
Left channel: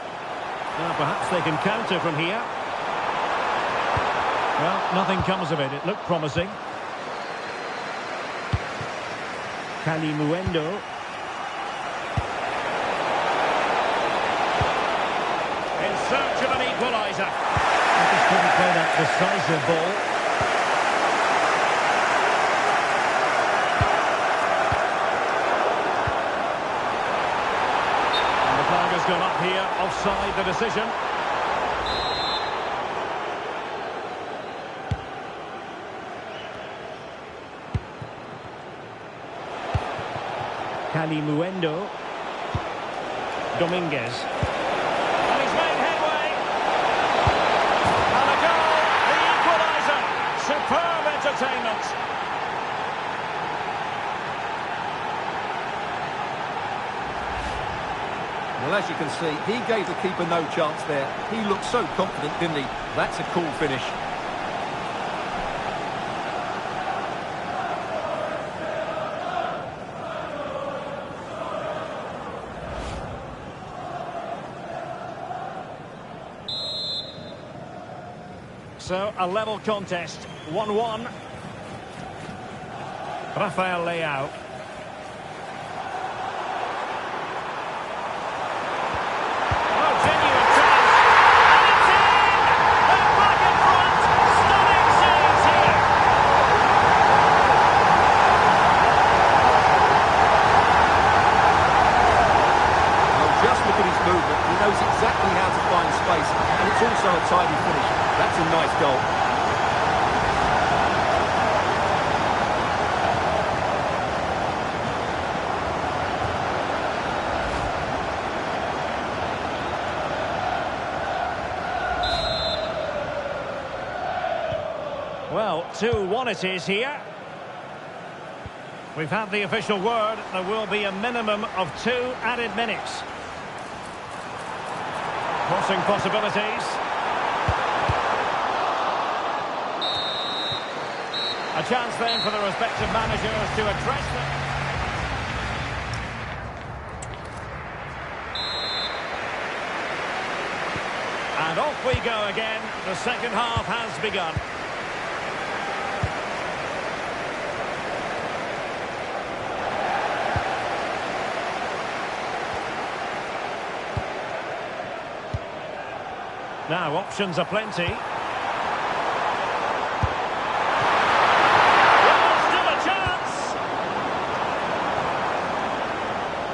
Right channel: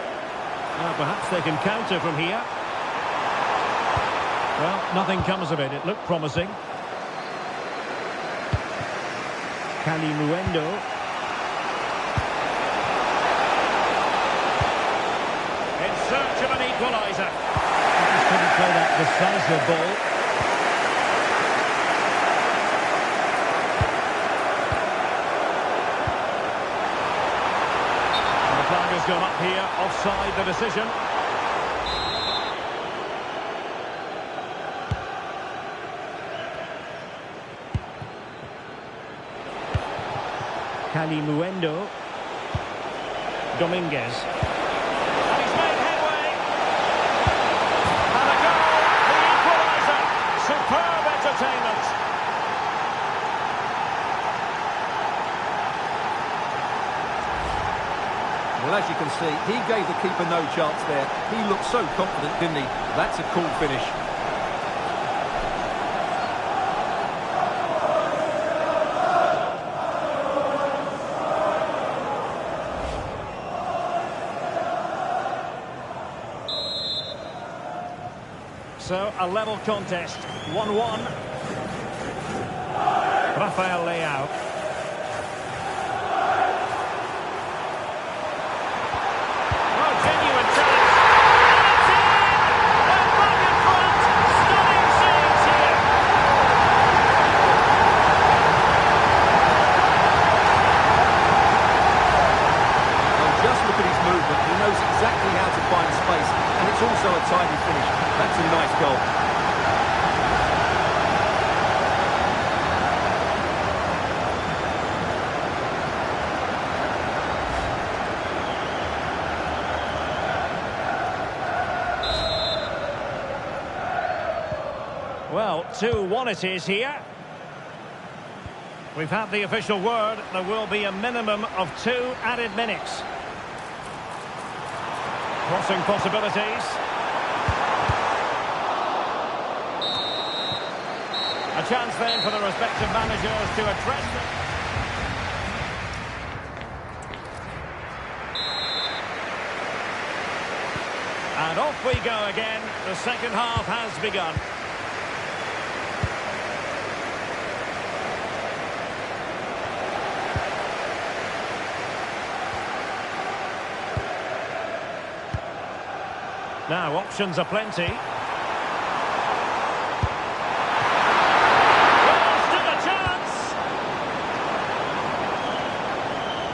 Well, perhaps they can counter from here. Well, nothing comes of it. It looked promising. Kalimuendo. In search of an equaliser. He just couldn't play that decisive ball. has gone up here, offside the decision. Calimuendo. Dominguez. And he's made headway. And a goal, the equaliser. Superb entertainment. Well, as you can see, he gave the keeper no chance there. He looked so confident, didn't he? That's a cool finish. So, a level contest, 1-1. Rafael Leao. Oh, genuine chance. And it's in! They're back in front. Stunning scenes here. Well, just look at his movement. He knows exactly how to find space, and it's also a tidy finish. That's a nice goal. Well, 2-1 it is here. We've had the official word. There will be a minimum of 2 added minutes. Crossing possibilities. A chance then for the respective managers to address them. And off we go again. The second half has begun. Now, options are plenty.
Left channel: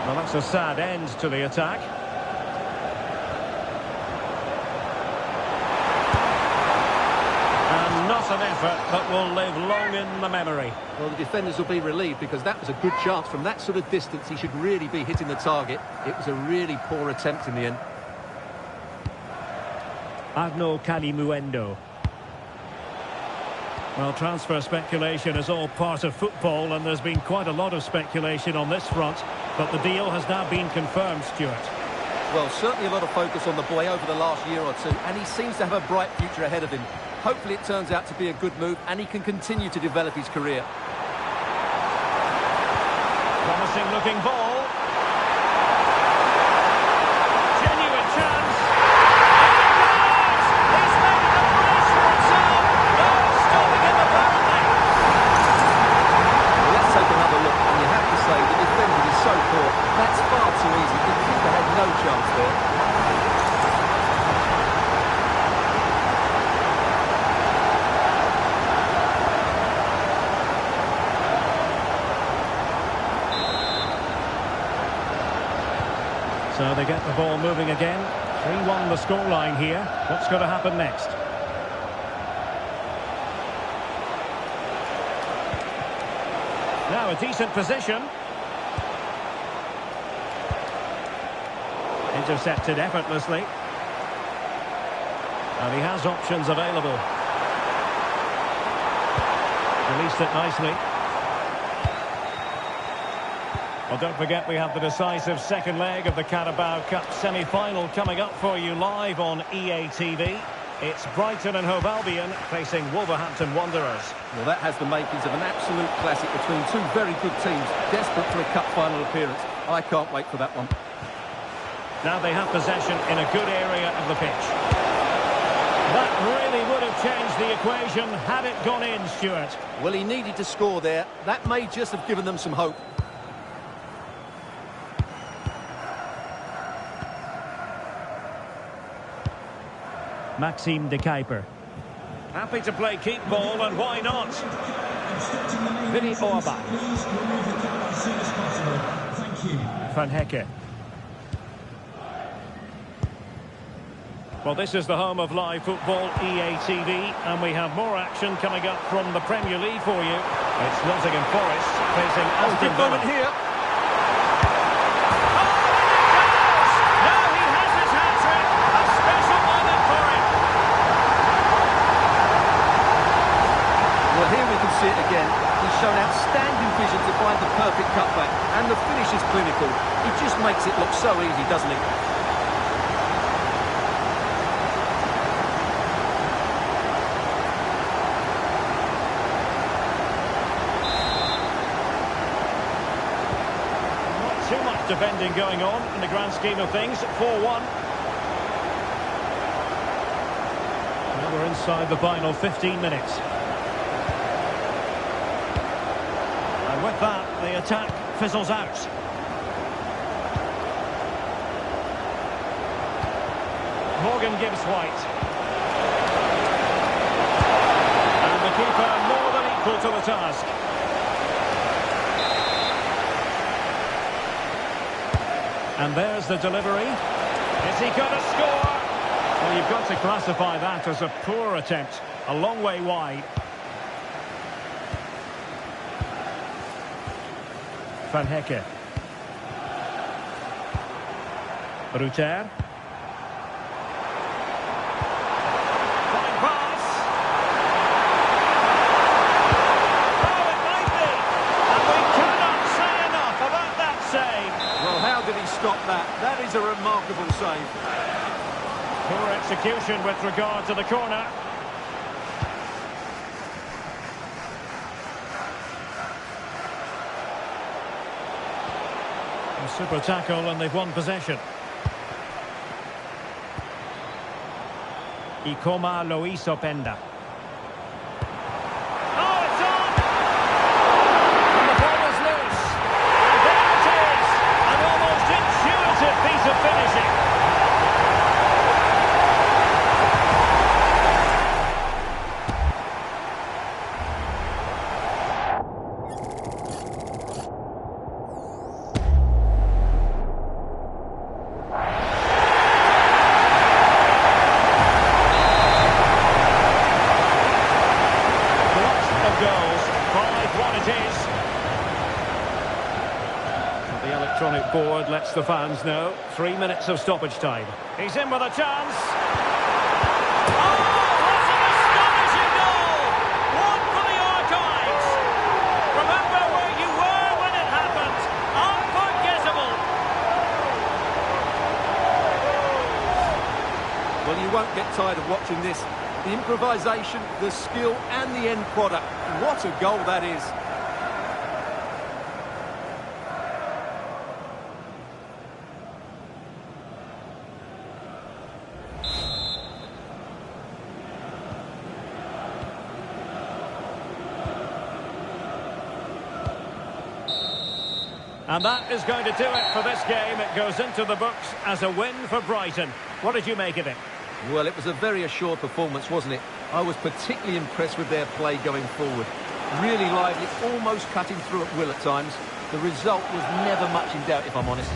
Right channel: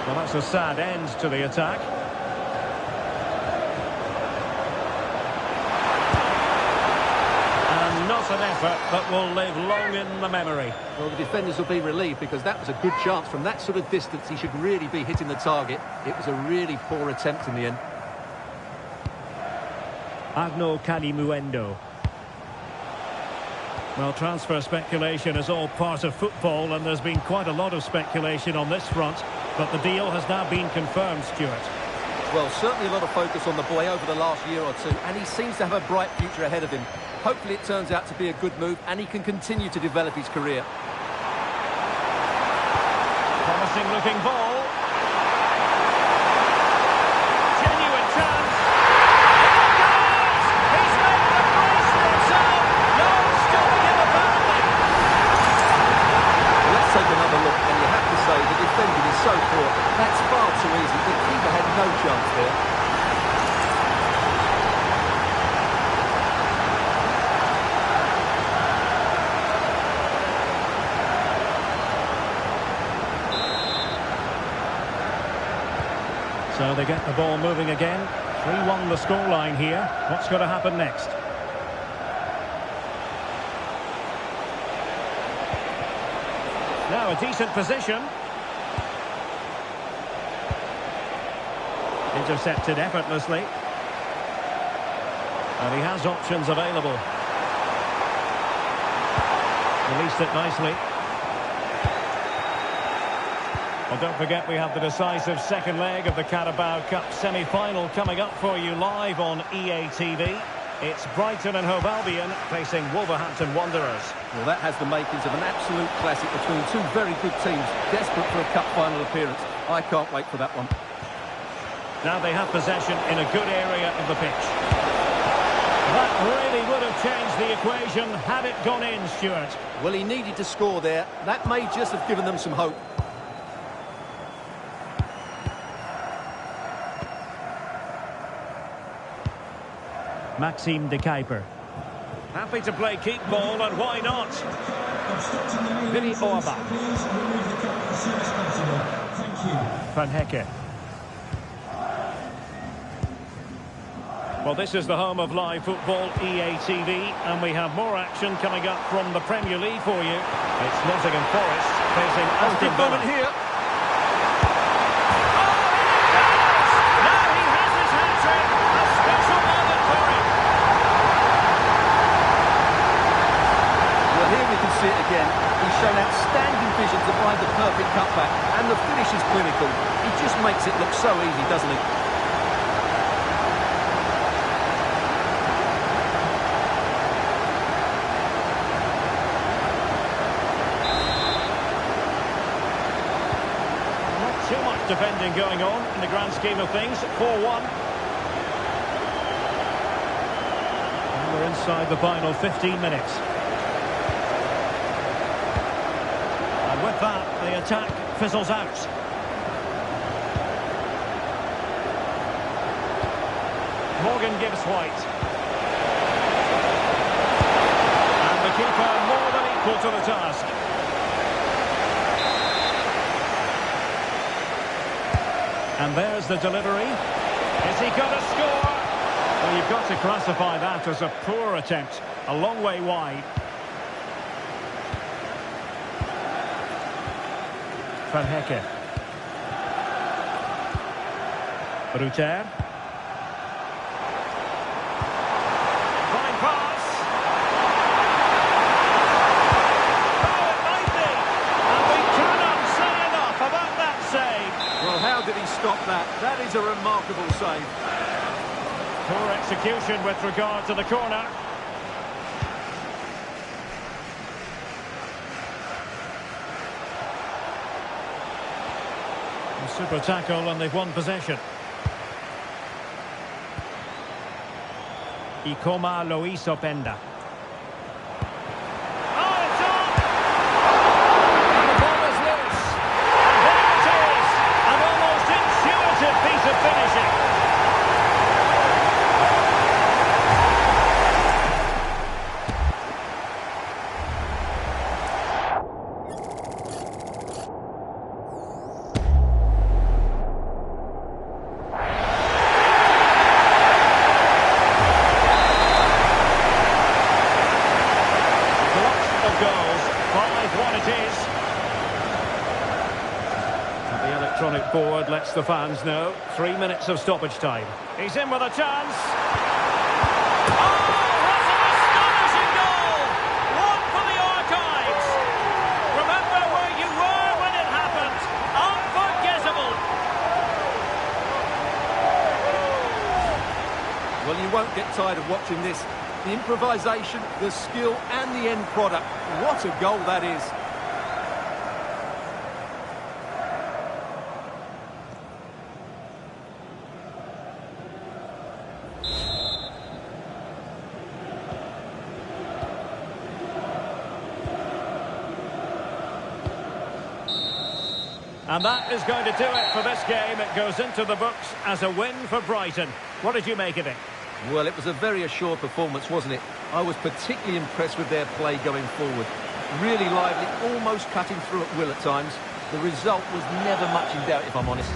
Well, that's a sad end to the attack. And not an effort that will live long in the memory. Well, the defenders will be relieved because that was a good chance. From that sort of distance, he should really be hitting the target. It was a really poor attempt in the end. Arno Calimuendo. Well, transfer speculation is all part of football, and there's been quite a lot of speculation on this front. But the deal has now been confirmed, Stuart. Well, certainly a lot of focus on the boy over the last year or two, and he seems to have a bright future ahead of him. Hopefully it turns out to be a good move, and he can continue to develop his career. Promising looking ball. Genuine chance. In it goes! He's made a brace for himself. No stopping him, apparently. Let's take another look, and you have to say the defending is so poor. That's far too easy. The keeper had no chance there. So they get the ball moving again. 3-1 the scoreline here. What's going to happen next? Now a decent position. Intercepted effortlessly. And he has options available. Released it nicely. Well, don't forget we have the decisive second leg of the Carabao Cup semi-final coming up for you live on EA TV. It's Brighton and Hove Albion facing Wolverhampton Wanderers. Well, that has the makings of an absolute classic between two very good teams, desperate for a cup final appearance. I can't wait for that one. Now they have possession in a good area of the pitch. That really would have changed the equation had it gone in, Stuart. Well, he needed to score there. That may just have given them some hope. Maxime de Kuiper. Happy to play keep ball, and why not? Vinny Orbach. Please remove the car as soon as possible. Thank you. Van Hecke. Well, this is the home of live football, EA TV, and we have more action coming up from the Premier League for you. It's Nottingham Forest facing Aston Good Villa. moment here. Oh, and it goes! Now he has his hat-trick. A special moment for him. Well, here we can see it again. He's shown outstanding vision to find the perfect cutback, and the finish is clinical. He just makes it look so easy, doesn't he? Not too much defending going on in the grand scheme of things. 4-1. Now we're inside the final 15 minutes. And with that, the attack fizzles out. Morgan gives White. And the keeper more than equal to the task. And there's the delivery. Is he going to score? Well, you've got to classify that as a poor attempt. A long way wide. Van Hecke. Ruter. Fine pass. Oh, it might be. And we cannot say enough about that save. Well, how did he stop that? That is a remarkable save. Poor execution with regard to the corner. A super tackle and they've won possession. echipa+meciuri. Oh, it's on! And the ball is loose. And there it is! An almost intuitive piece of finishing. Goals, 5-1 it is. And the electronic board lets the fans know. 3 minutes of stoppage time. He's in with a chance. Oh, what an astonishing goal! One for the archives. Remember where you were when it happened. Unforgettable. Well, you won't get tired of watching this. The improvisation, the skill, and the end product. What a goal that is. And that is going to do it for this game. It goes into the books as a win for Brighton. What did you make of it? Well, it was a very assured performance, wasn't it? I was particularly impressed with their play going forward. Really lively, almost cutting through at will at times. The result was never much in doubt, if I'm honest.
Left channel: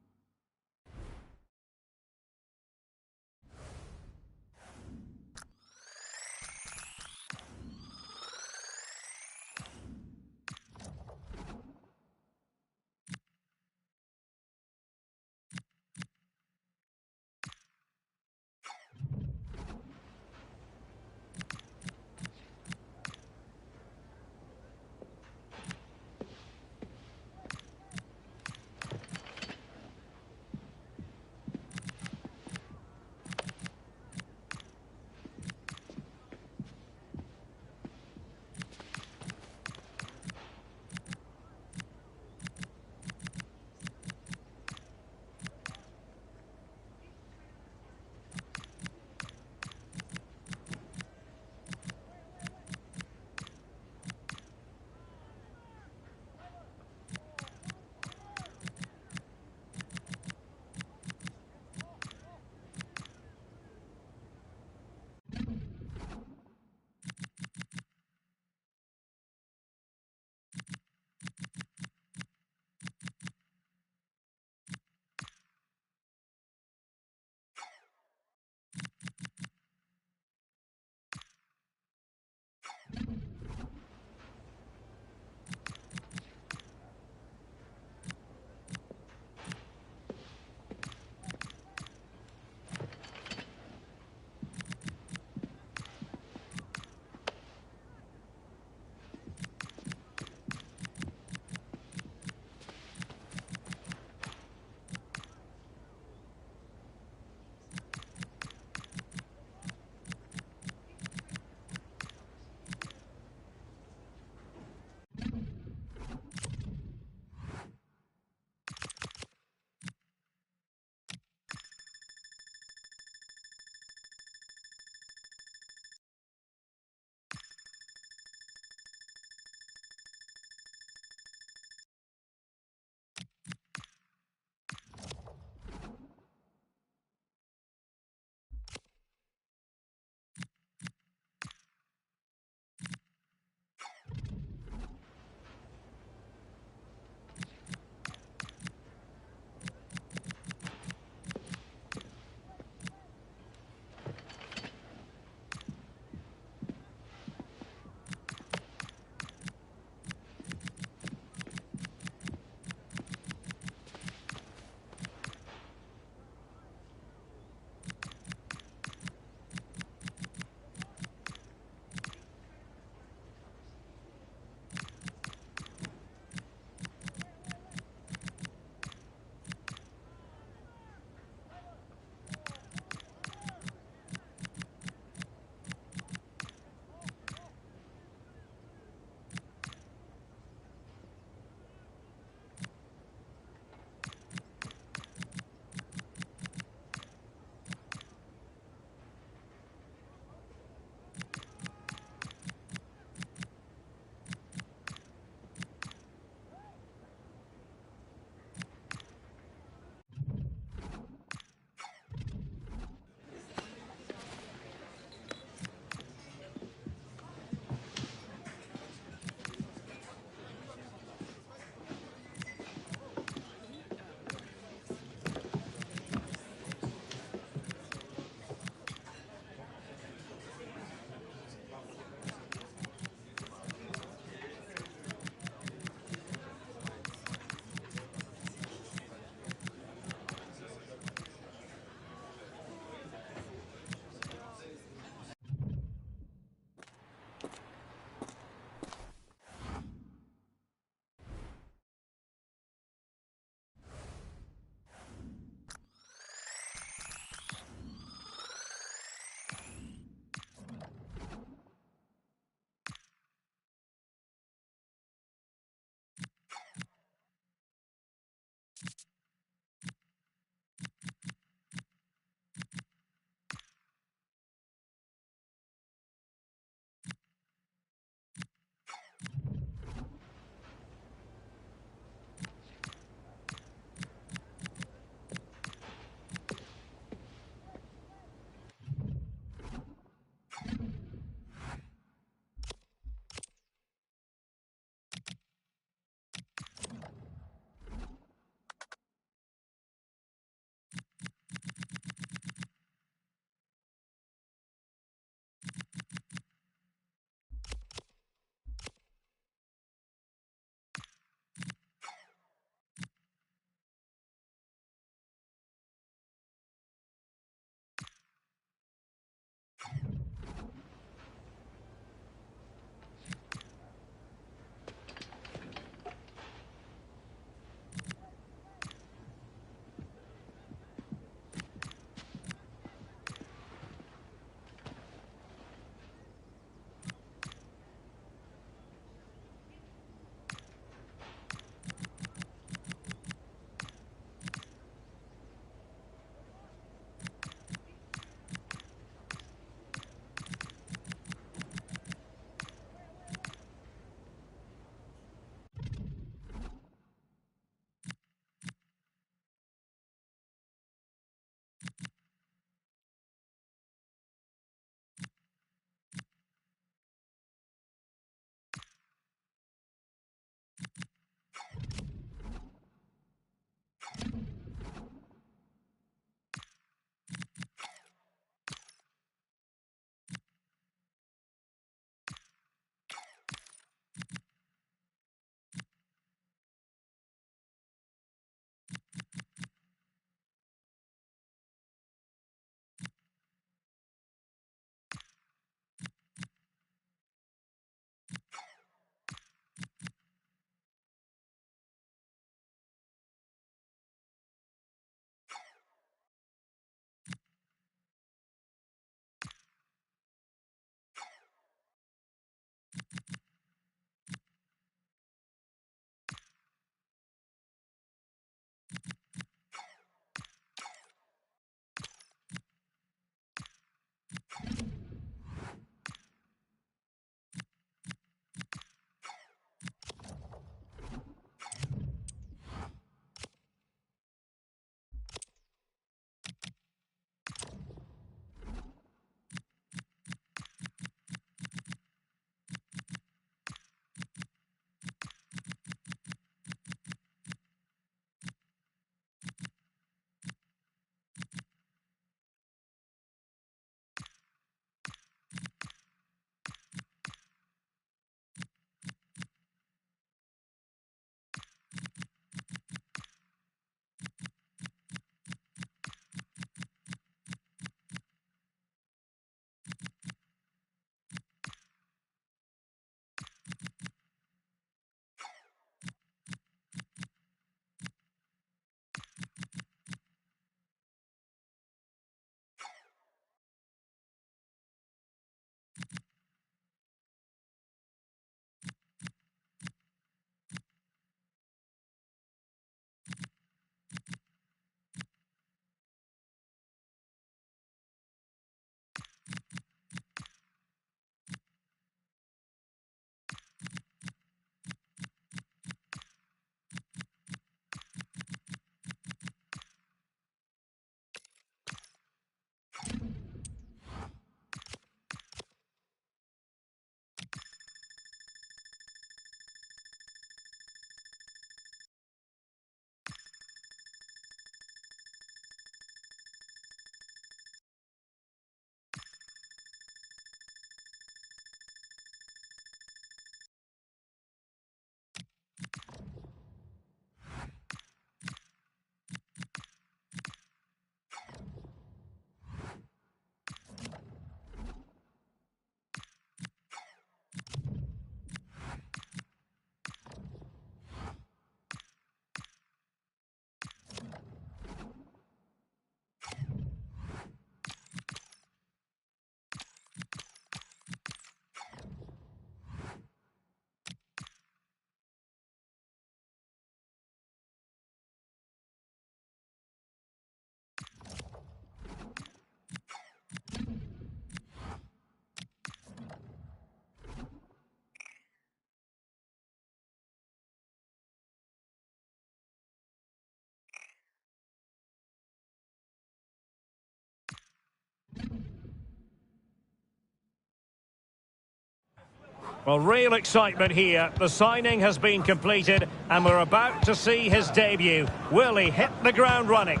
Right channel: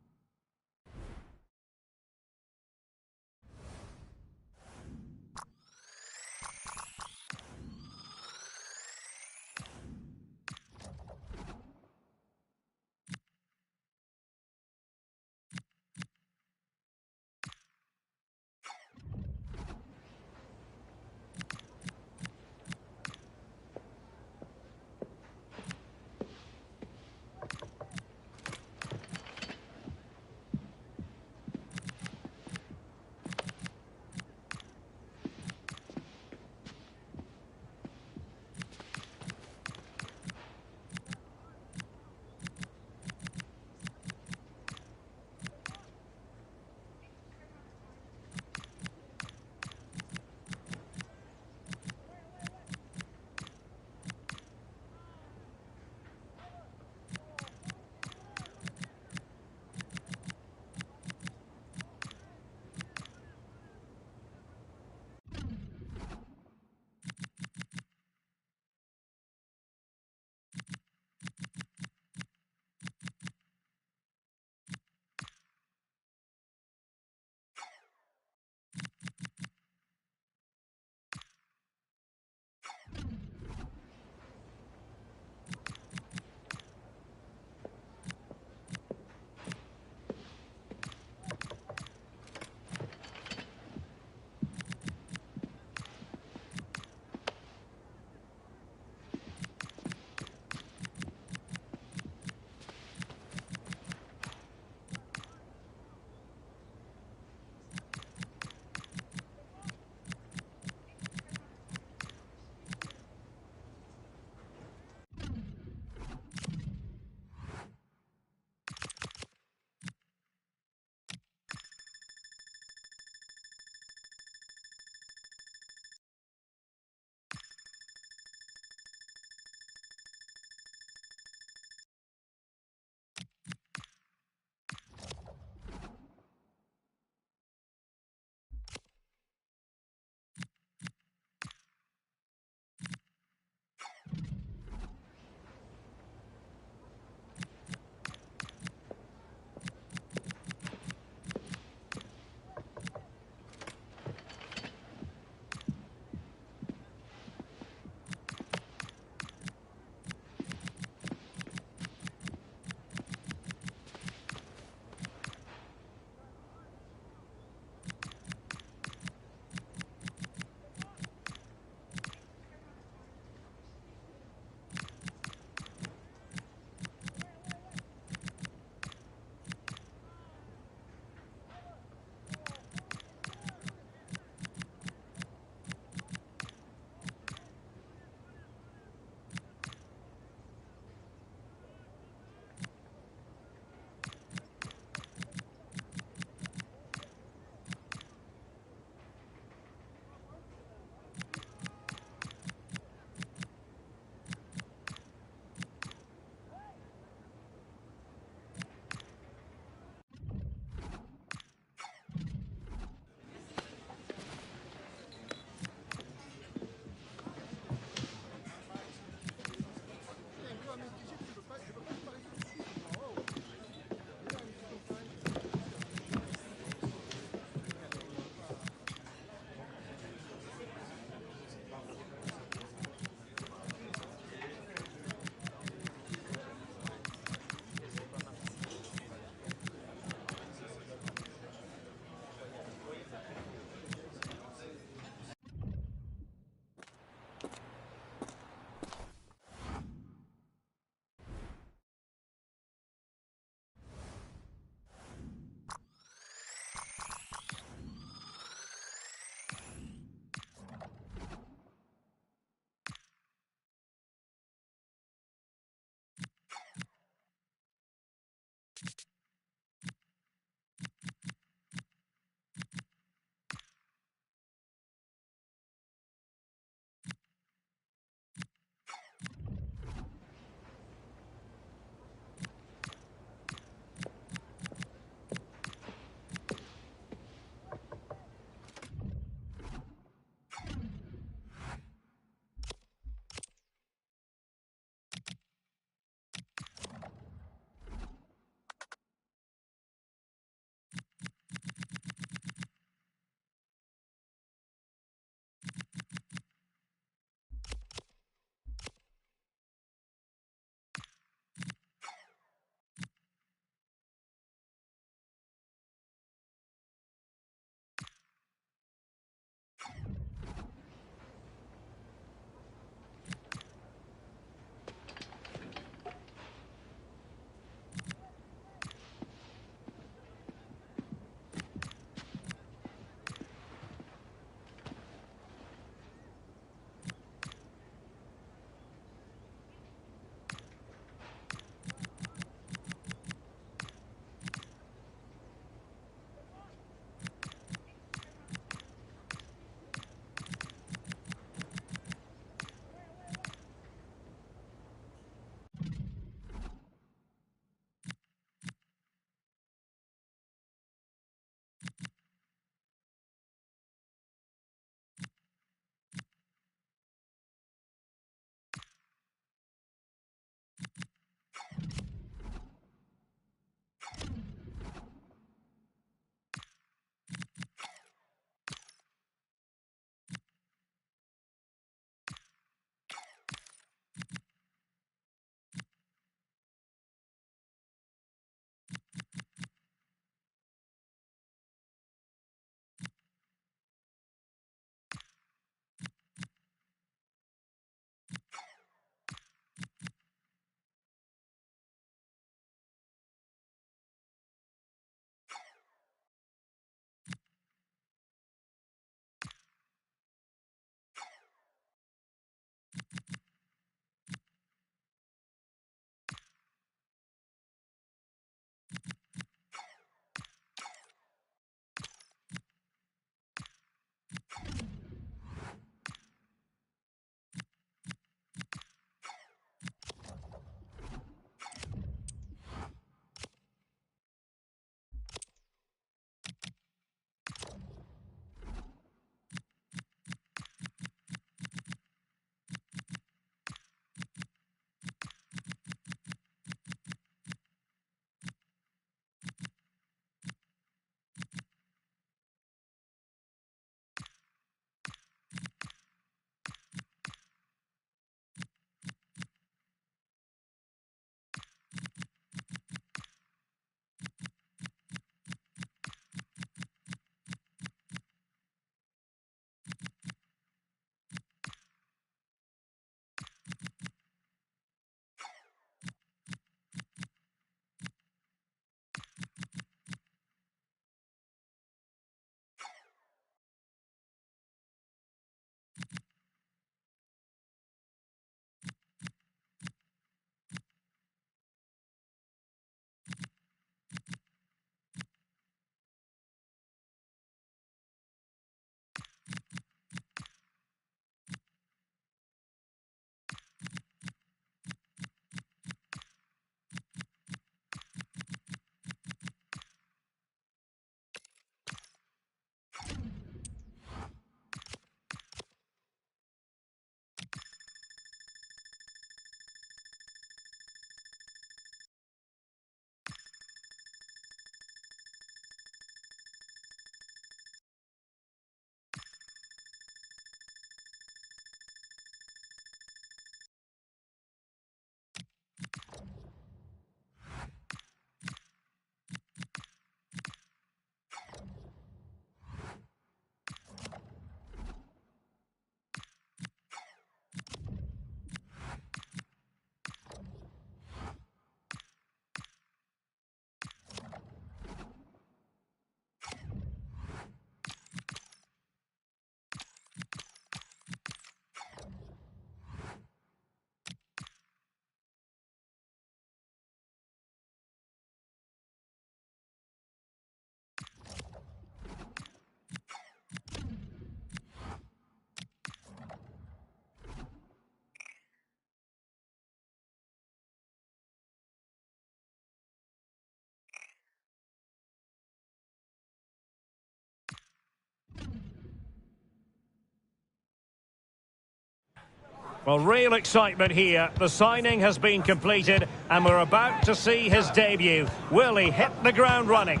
Well, real excitement here. The signing has been completed and we're about to see his debut. Will he hit the ground running?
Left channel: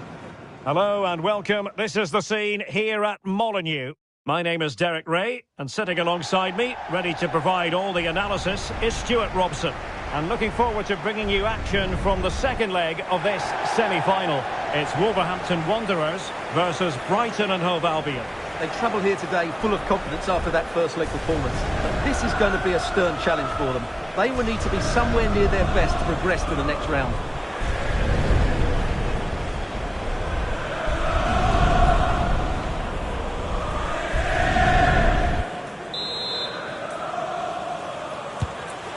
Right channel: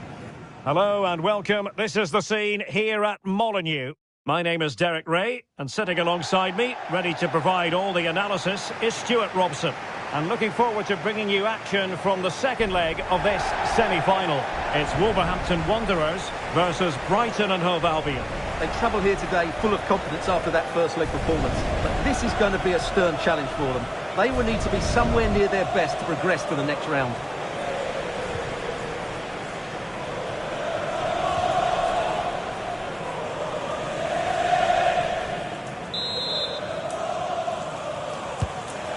Hello and welcome. This is the scene here at Molineux. My name is Derek Ray, and sitting alongside me, ready to provide all the analysis, is Stuart Robson. And looking forward to bringing you action from the second leg of this semi-final. It's Wolverhampton Wanderers versus Brighton and Hove Albion. They travel here today full of confidence after that first leg performance. But this is going to be a stern challenge for them. They will need to be somewhere near their best to progress to the next round.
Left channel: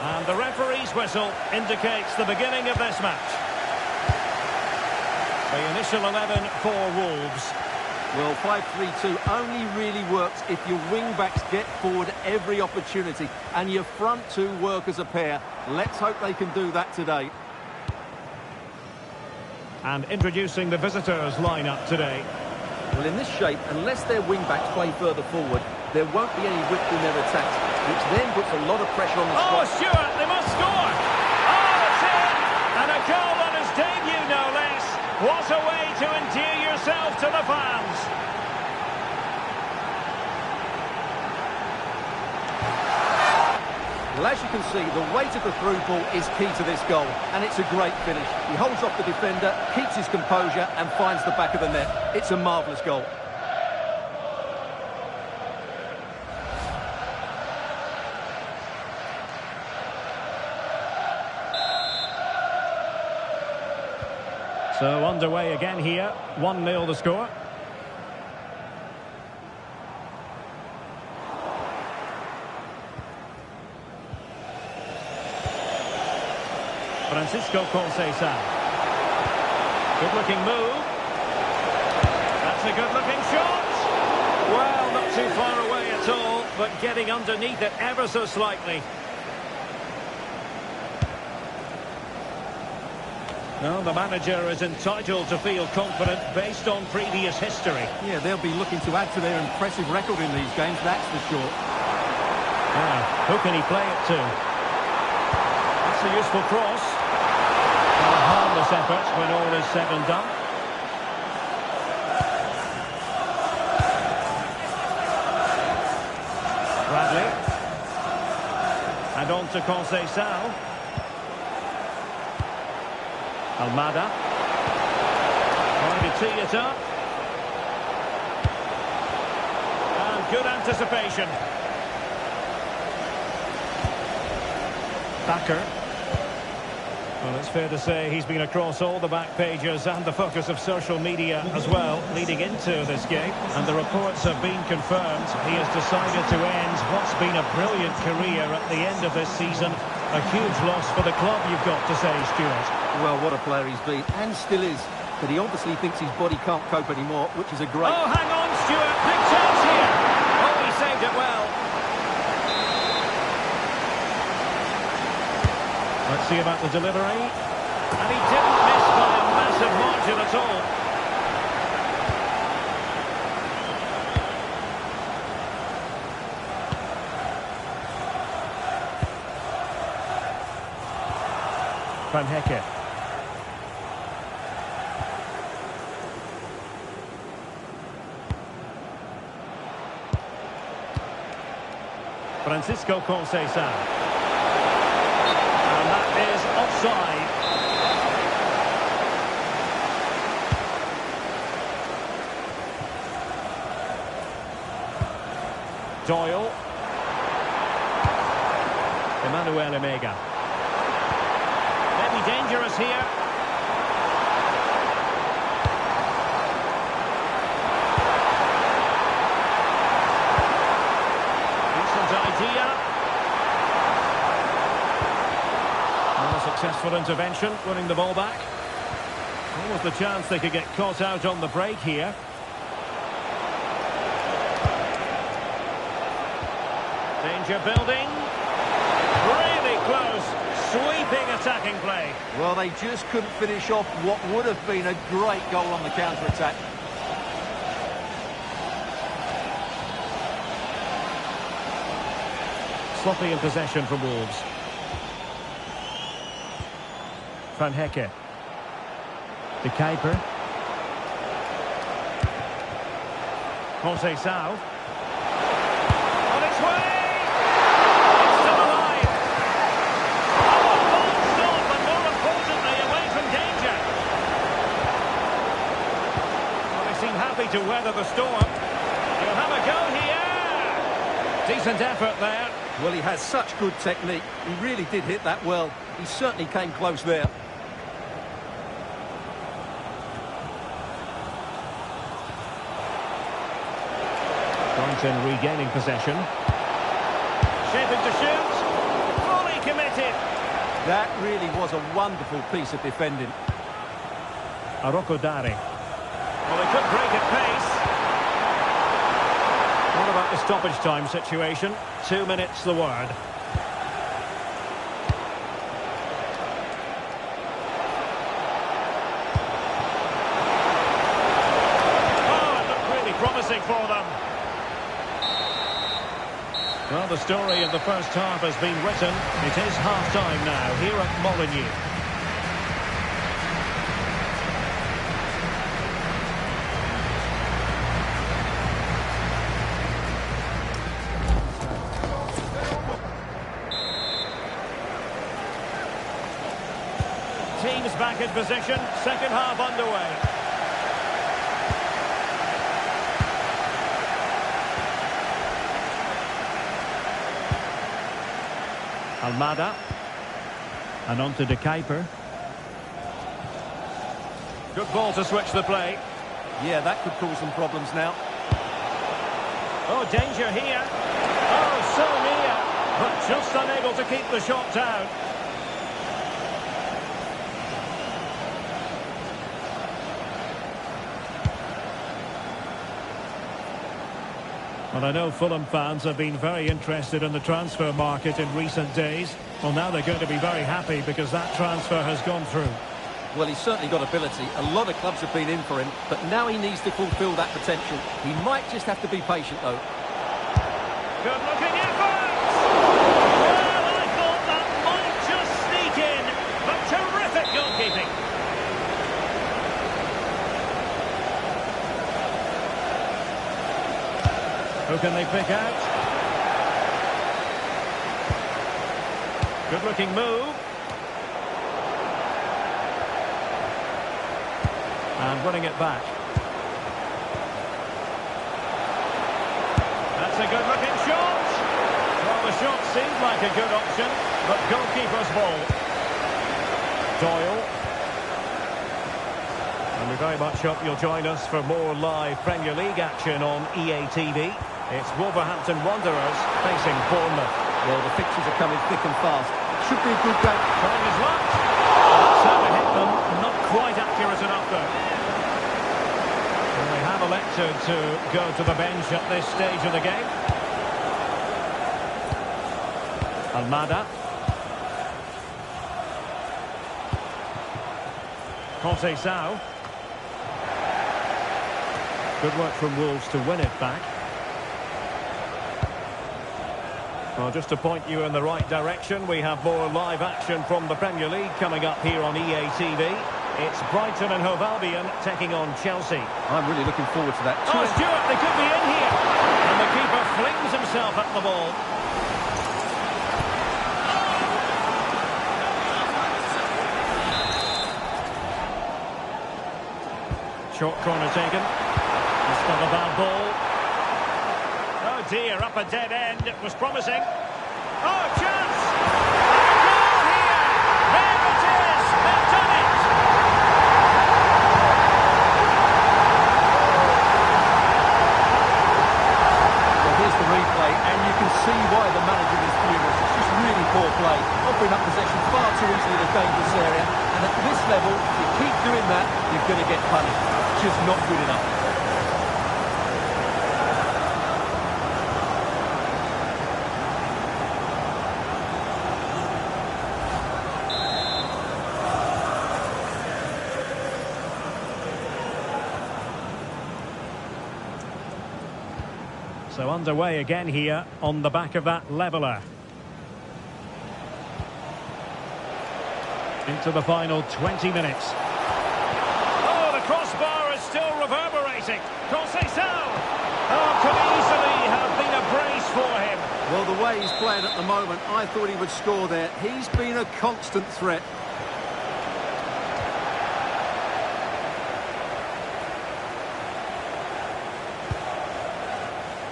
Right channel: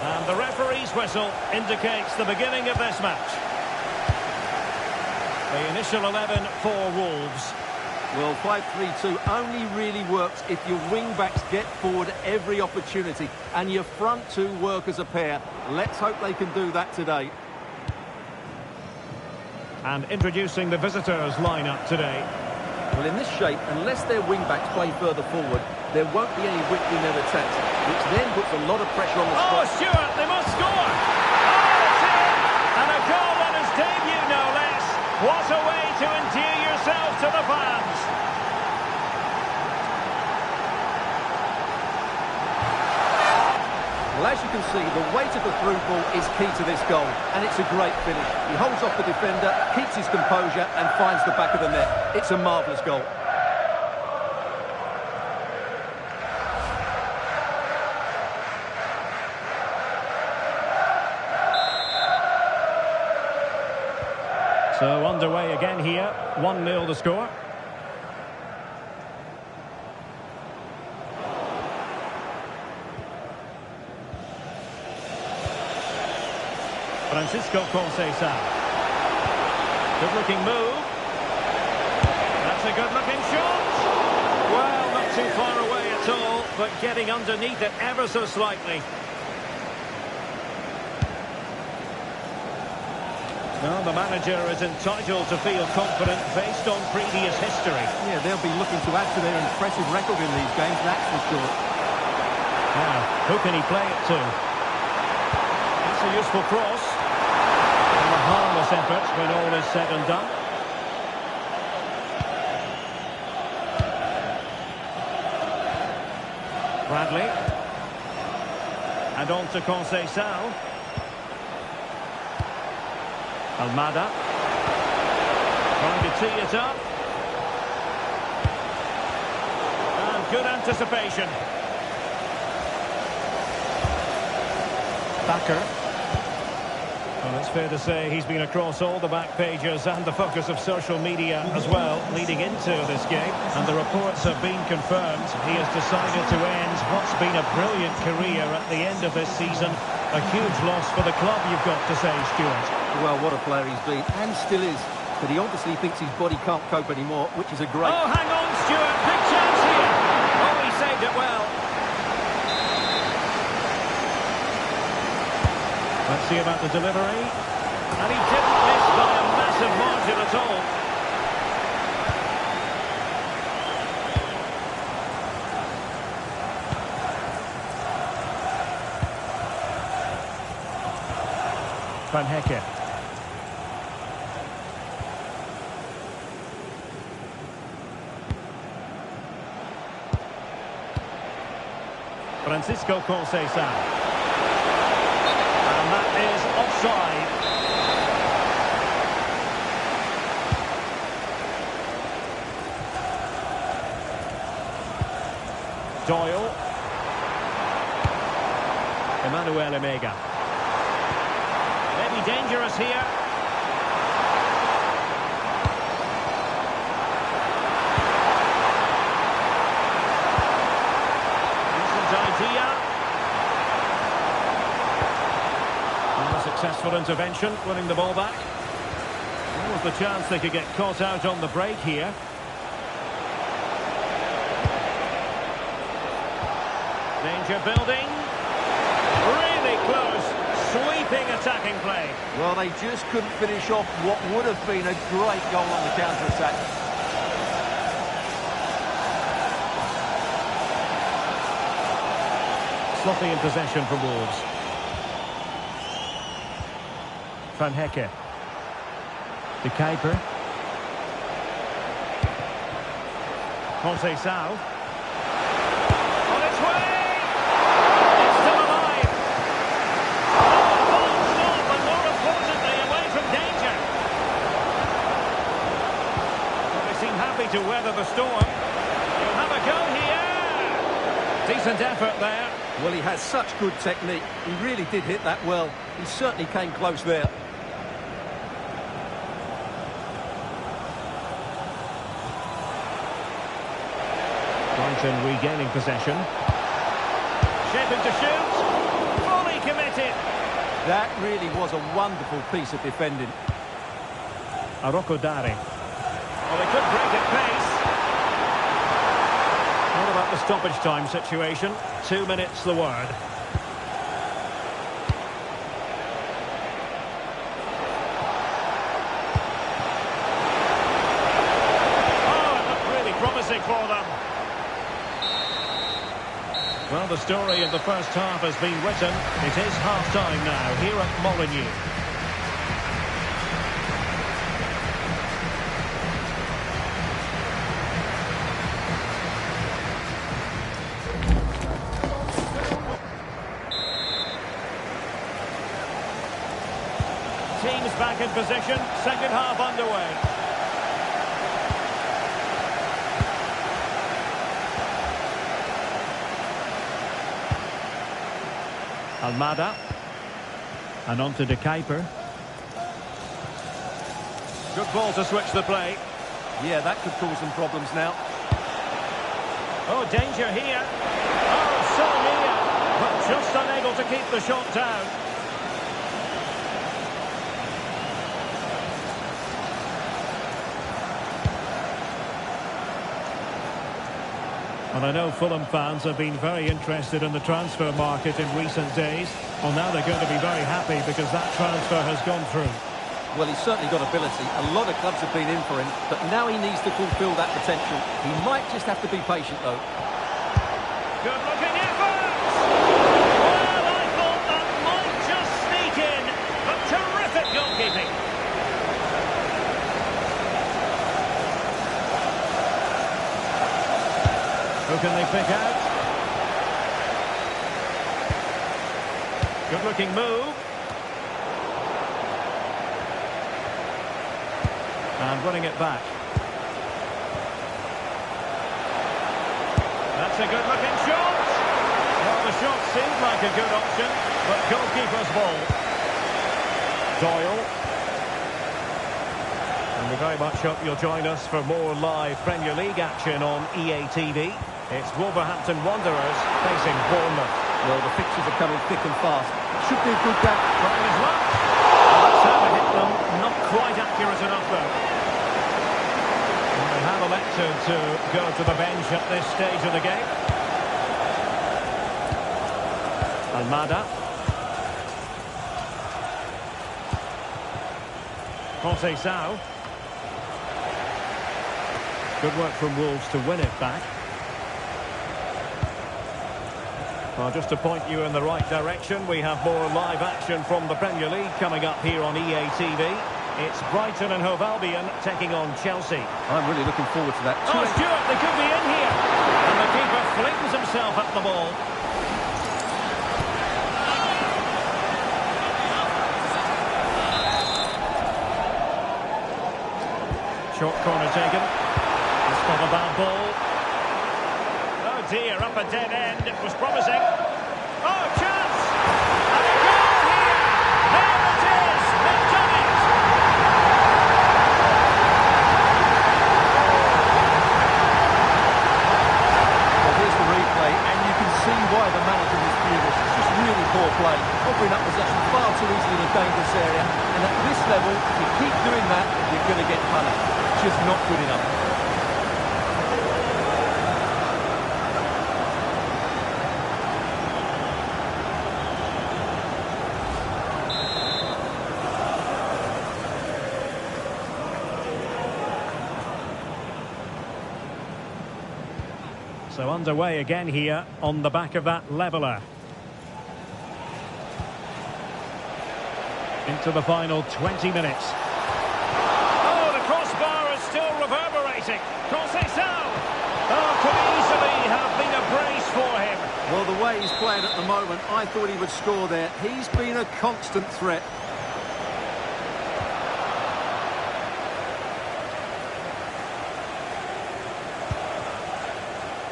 And the referee's whistle indicates the beginning of this match. The initial 11 for Wolves. Well, 5-3-2 only really works if your wing-backs get forward at every opportunity and your front two work as a pair. Let's hope they can do that today. And introducing the visitors' lineup today. Well, in this shape, unless their wing-backs play further forward, there won't be any width in their attacks, which then puts a lot of pressure on the strike. Oh, Stuart, they must score! Oh, it's in! And a goal on his debut, no less. What a way to endear yourself to the fans! Well, as you can see, the weight of the through ball is key to this goal, and it's a great finish. He holds off the defender, keeps his composure, and finds the back of the net. It's a marvellous goal. So underway again here, 1-0 the score. Francisco Conceição. Good-looking move. That's a good-looking shot. Well, not too far away at all, but getting underneath it ever so slightly. Well, the manager is entitled to feel confident based on previous history. Yeah, they'll be looking to add to their impressive record in these games, that's for sure. Now, who can he play it to? That's a useful cross. And a harmless effort when all is said and done. Bradley. And on to Conceição. Almada. Trying to tee it up. And good anticipation. Backer. Well, it's fair to say he's been across all the back pages and the focus of social media as well, leading into this game. And the reports have been confirmed. He has decided to end what's been a brilliant career at the end of this season. A huge loss for the club, you've got to say, Stuart. Well, what a player he's been, and still is. But he obviously thinks his body can't cope anymore, which is a great... Oh, hang on, Stuart. Big chance here. Oh, he saved it well. Let's see about the delivery. And he didn't miss by a massive margin at all. Van Hecke. Francisco Conceição. And that is offside. Doyle. Emmanuel Emega. Maybe dangerous here. Decent idea. Not a successful intervention, winning the ball back. What was the chance they could get caught out on the break here? Danger building. Really close. Sweeping attacking play. Well, they just couldn't finish off what would have been a great goal on the counter-attack. sloppy in possession for Wolves. Van Hecke. De Kuiper. José Sau. On its way! It's still alive! Oh, a fine stop, and more importantly, away from danger. Well, they seem happy to weather the storm. He'll have a go here! Decent effort there. Well, he has such good technique. He really did hit that well. He certainly came close there. Brighton regaining possession. Shaping to shoot. Fully committed. That really was a wonderful piece of defending. Aroko Dari. Well, they could break at pace. What about the stoppage time situation? 2 minutes the word. Oh, it looked really promising for them. Well, the story of the first half has been written. It is half-time now here at Molineux. Teams back in position, second half underway. Almada. And on to De Kuiper. Good ball to switch the play. Yeah, that could cause some problems now. Oh, danger here. Oh, so near. But just unable to keep the shot down. Well, I know Fulham fans have been very interested in the transfer market in recent days. Well, now they're going to be very happy because that transfer has gone through. Well, he's certainly got ability. A lot of clubs have been in for him, but now he needs to fulfil that potential. He might just have to be patient, though. Good-looking effort! Well, I thought that might just sneak in, but terrific goalkeeping. Who can they pick out? Good-looking move. And running it back. That's a good-looking shot. Well, the shot seemed like a good option, but goalkeeper's ball. Doyle. And we very much hope you'll join us for more live Premier League action on EA TV. It's Wolverhampton Wanderers facing Bournemouth. Well, the fixtures are coming thick and fast. It should be a good game. Trying his luck. Well, that's how to hit them. Not quite accurate enough, though. And they have elected to go to the bench at this stage of the game. Almada. José Sau. Good work from Wolves to win it back. Well, just to point you in the right direction, we have more live action from the Premier League coming up here on EA TV. It's Brighton and Hove Albion taking on Chelsea. I'm really looking forward to that. Oh, Stewart, they could be in here. And the keeper flings himself at the ball. Short corner taken. It's not a bad ball. Oh dear, up a dead end. It was promising. Oh, chance! And a goal here! There it is! They've done it! Well, here's the replay, and you can see why the manager is furious. It's just really poor play, offering up possession far too easily in a dangerous area. And at this level, if you keep doing that, you're going to get punished. It's just not good enough. So underway again here on the back of that leveller. into the final 20 minutes. Oh, the crossbar is still reverberating. Conceição! Oh, could easily have been a brace for him. Well, the way he's playing at the moment, I thought he would score there. He's been a constant threat.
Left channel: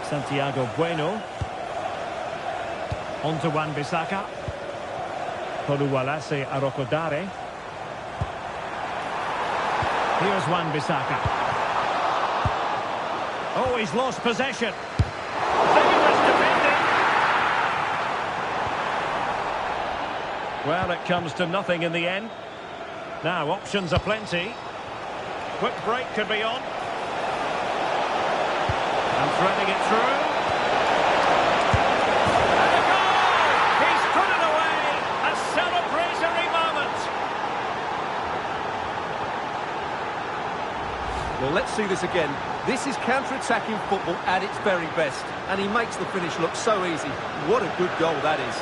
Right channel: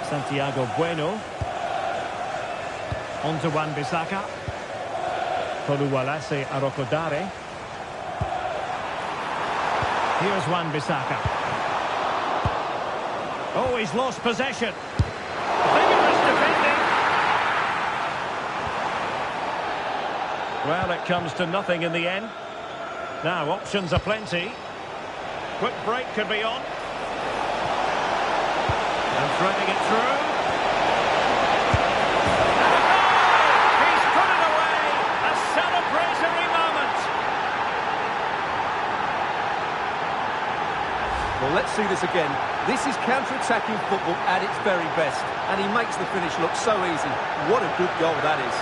Santiago Bueno. On to Wan-Bissaka. Oluwalase Arokodare. Here's Wan-Bissaka. Oh, he's lost possession. Vigorous defending. Well, it comes to nothing in the end. Now, options are plenty. Quick break could be on. And threading it through. And a goal! He's put it away! A celebratory moment! Well, let's see this again. This is counter-attacking football at its very best. And he makes the finish look so easy. What a good goal that is.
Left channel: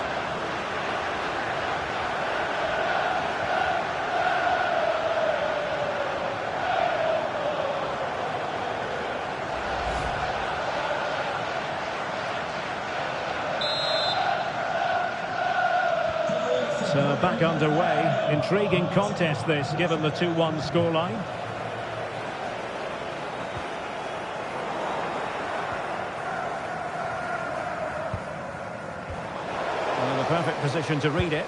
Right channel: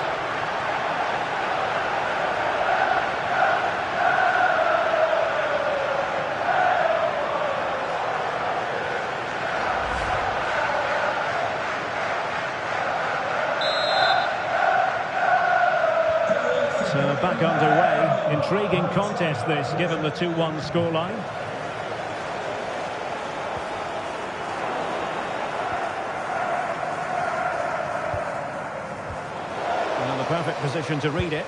So back underway. Intriguing contest this, given the 2-1 scoreline. And the perfect position to read it.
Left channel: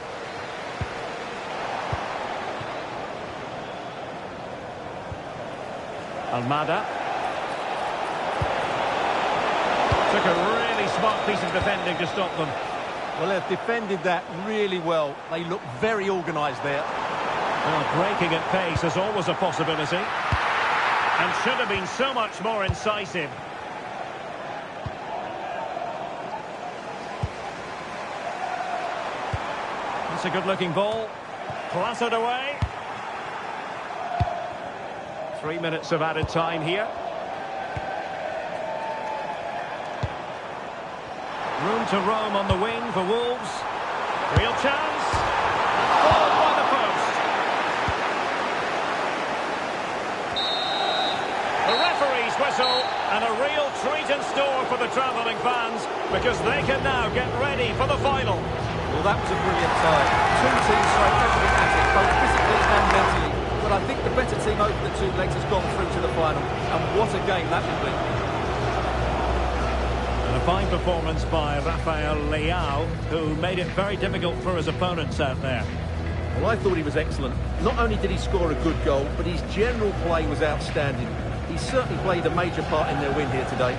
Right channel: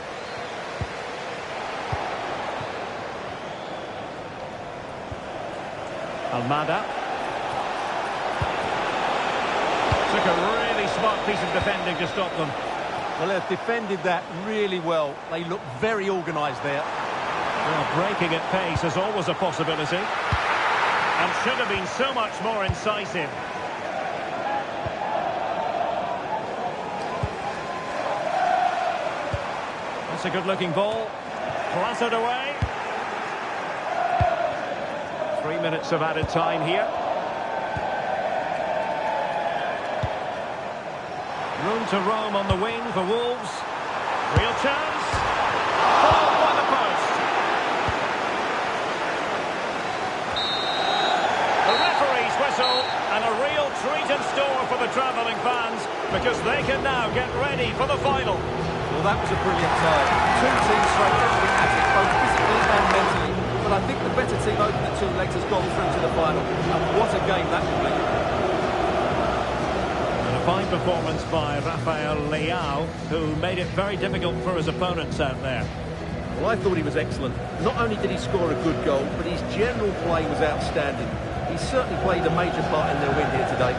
Almada. Took a really smart piece of defending to stop them. Well, they've defended that really well. They look very organised there. Well, breaking at pace is always a possibility. And should have been so much more incisive. That's a good-looking ball. Plastered away. 3 minutes of added time here. Room to roam on the wing for Wolves. Real chance. Fouled by the post. The referee's whistle, and a real treat in store for the travelling fans, because they can now get ready for the final. Well, that was a brilliant tie. Two teams throw everything at it, both physically and mentally. But I think the better team over the two legs has gone through to the final. And what a game that will be. And a fine performance by Rafael Leao, who made it very difficult for his opponents out there. Well, I thought he was excellent. Not only did he score a good goal, but his general play was outstanding. He certainly played a major part in their win here today.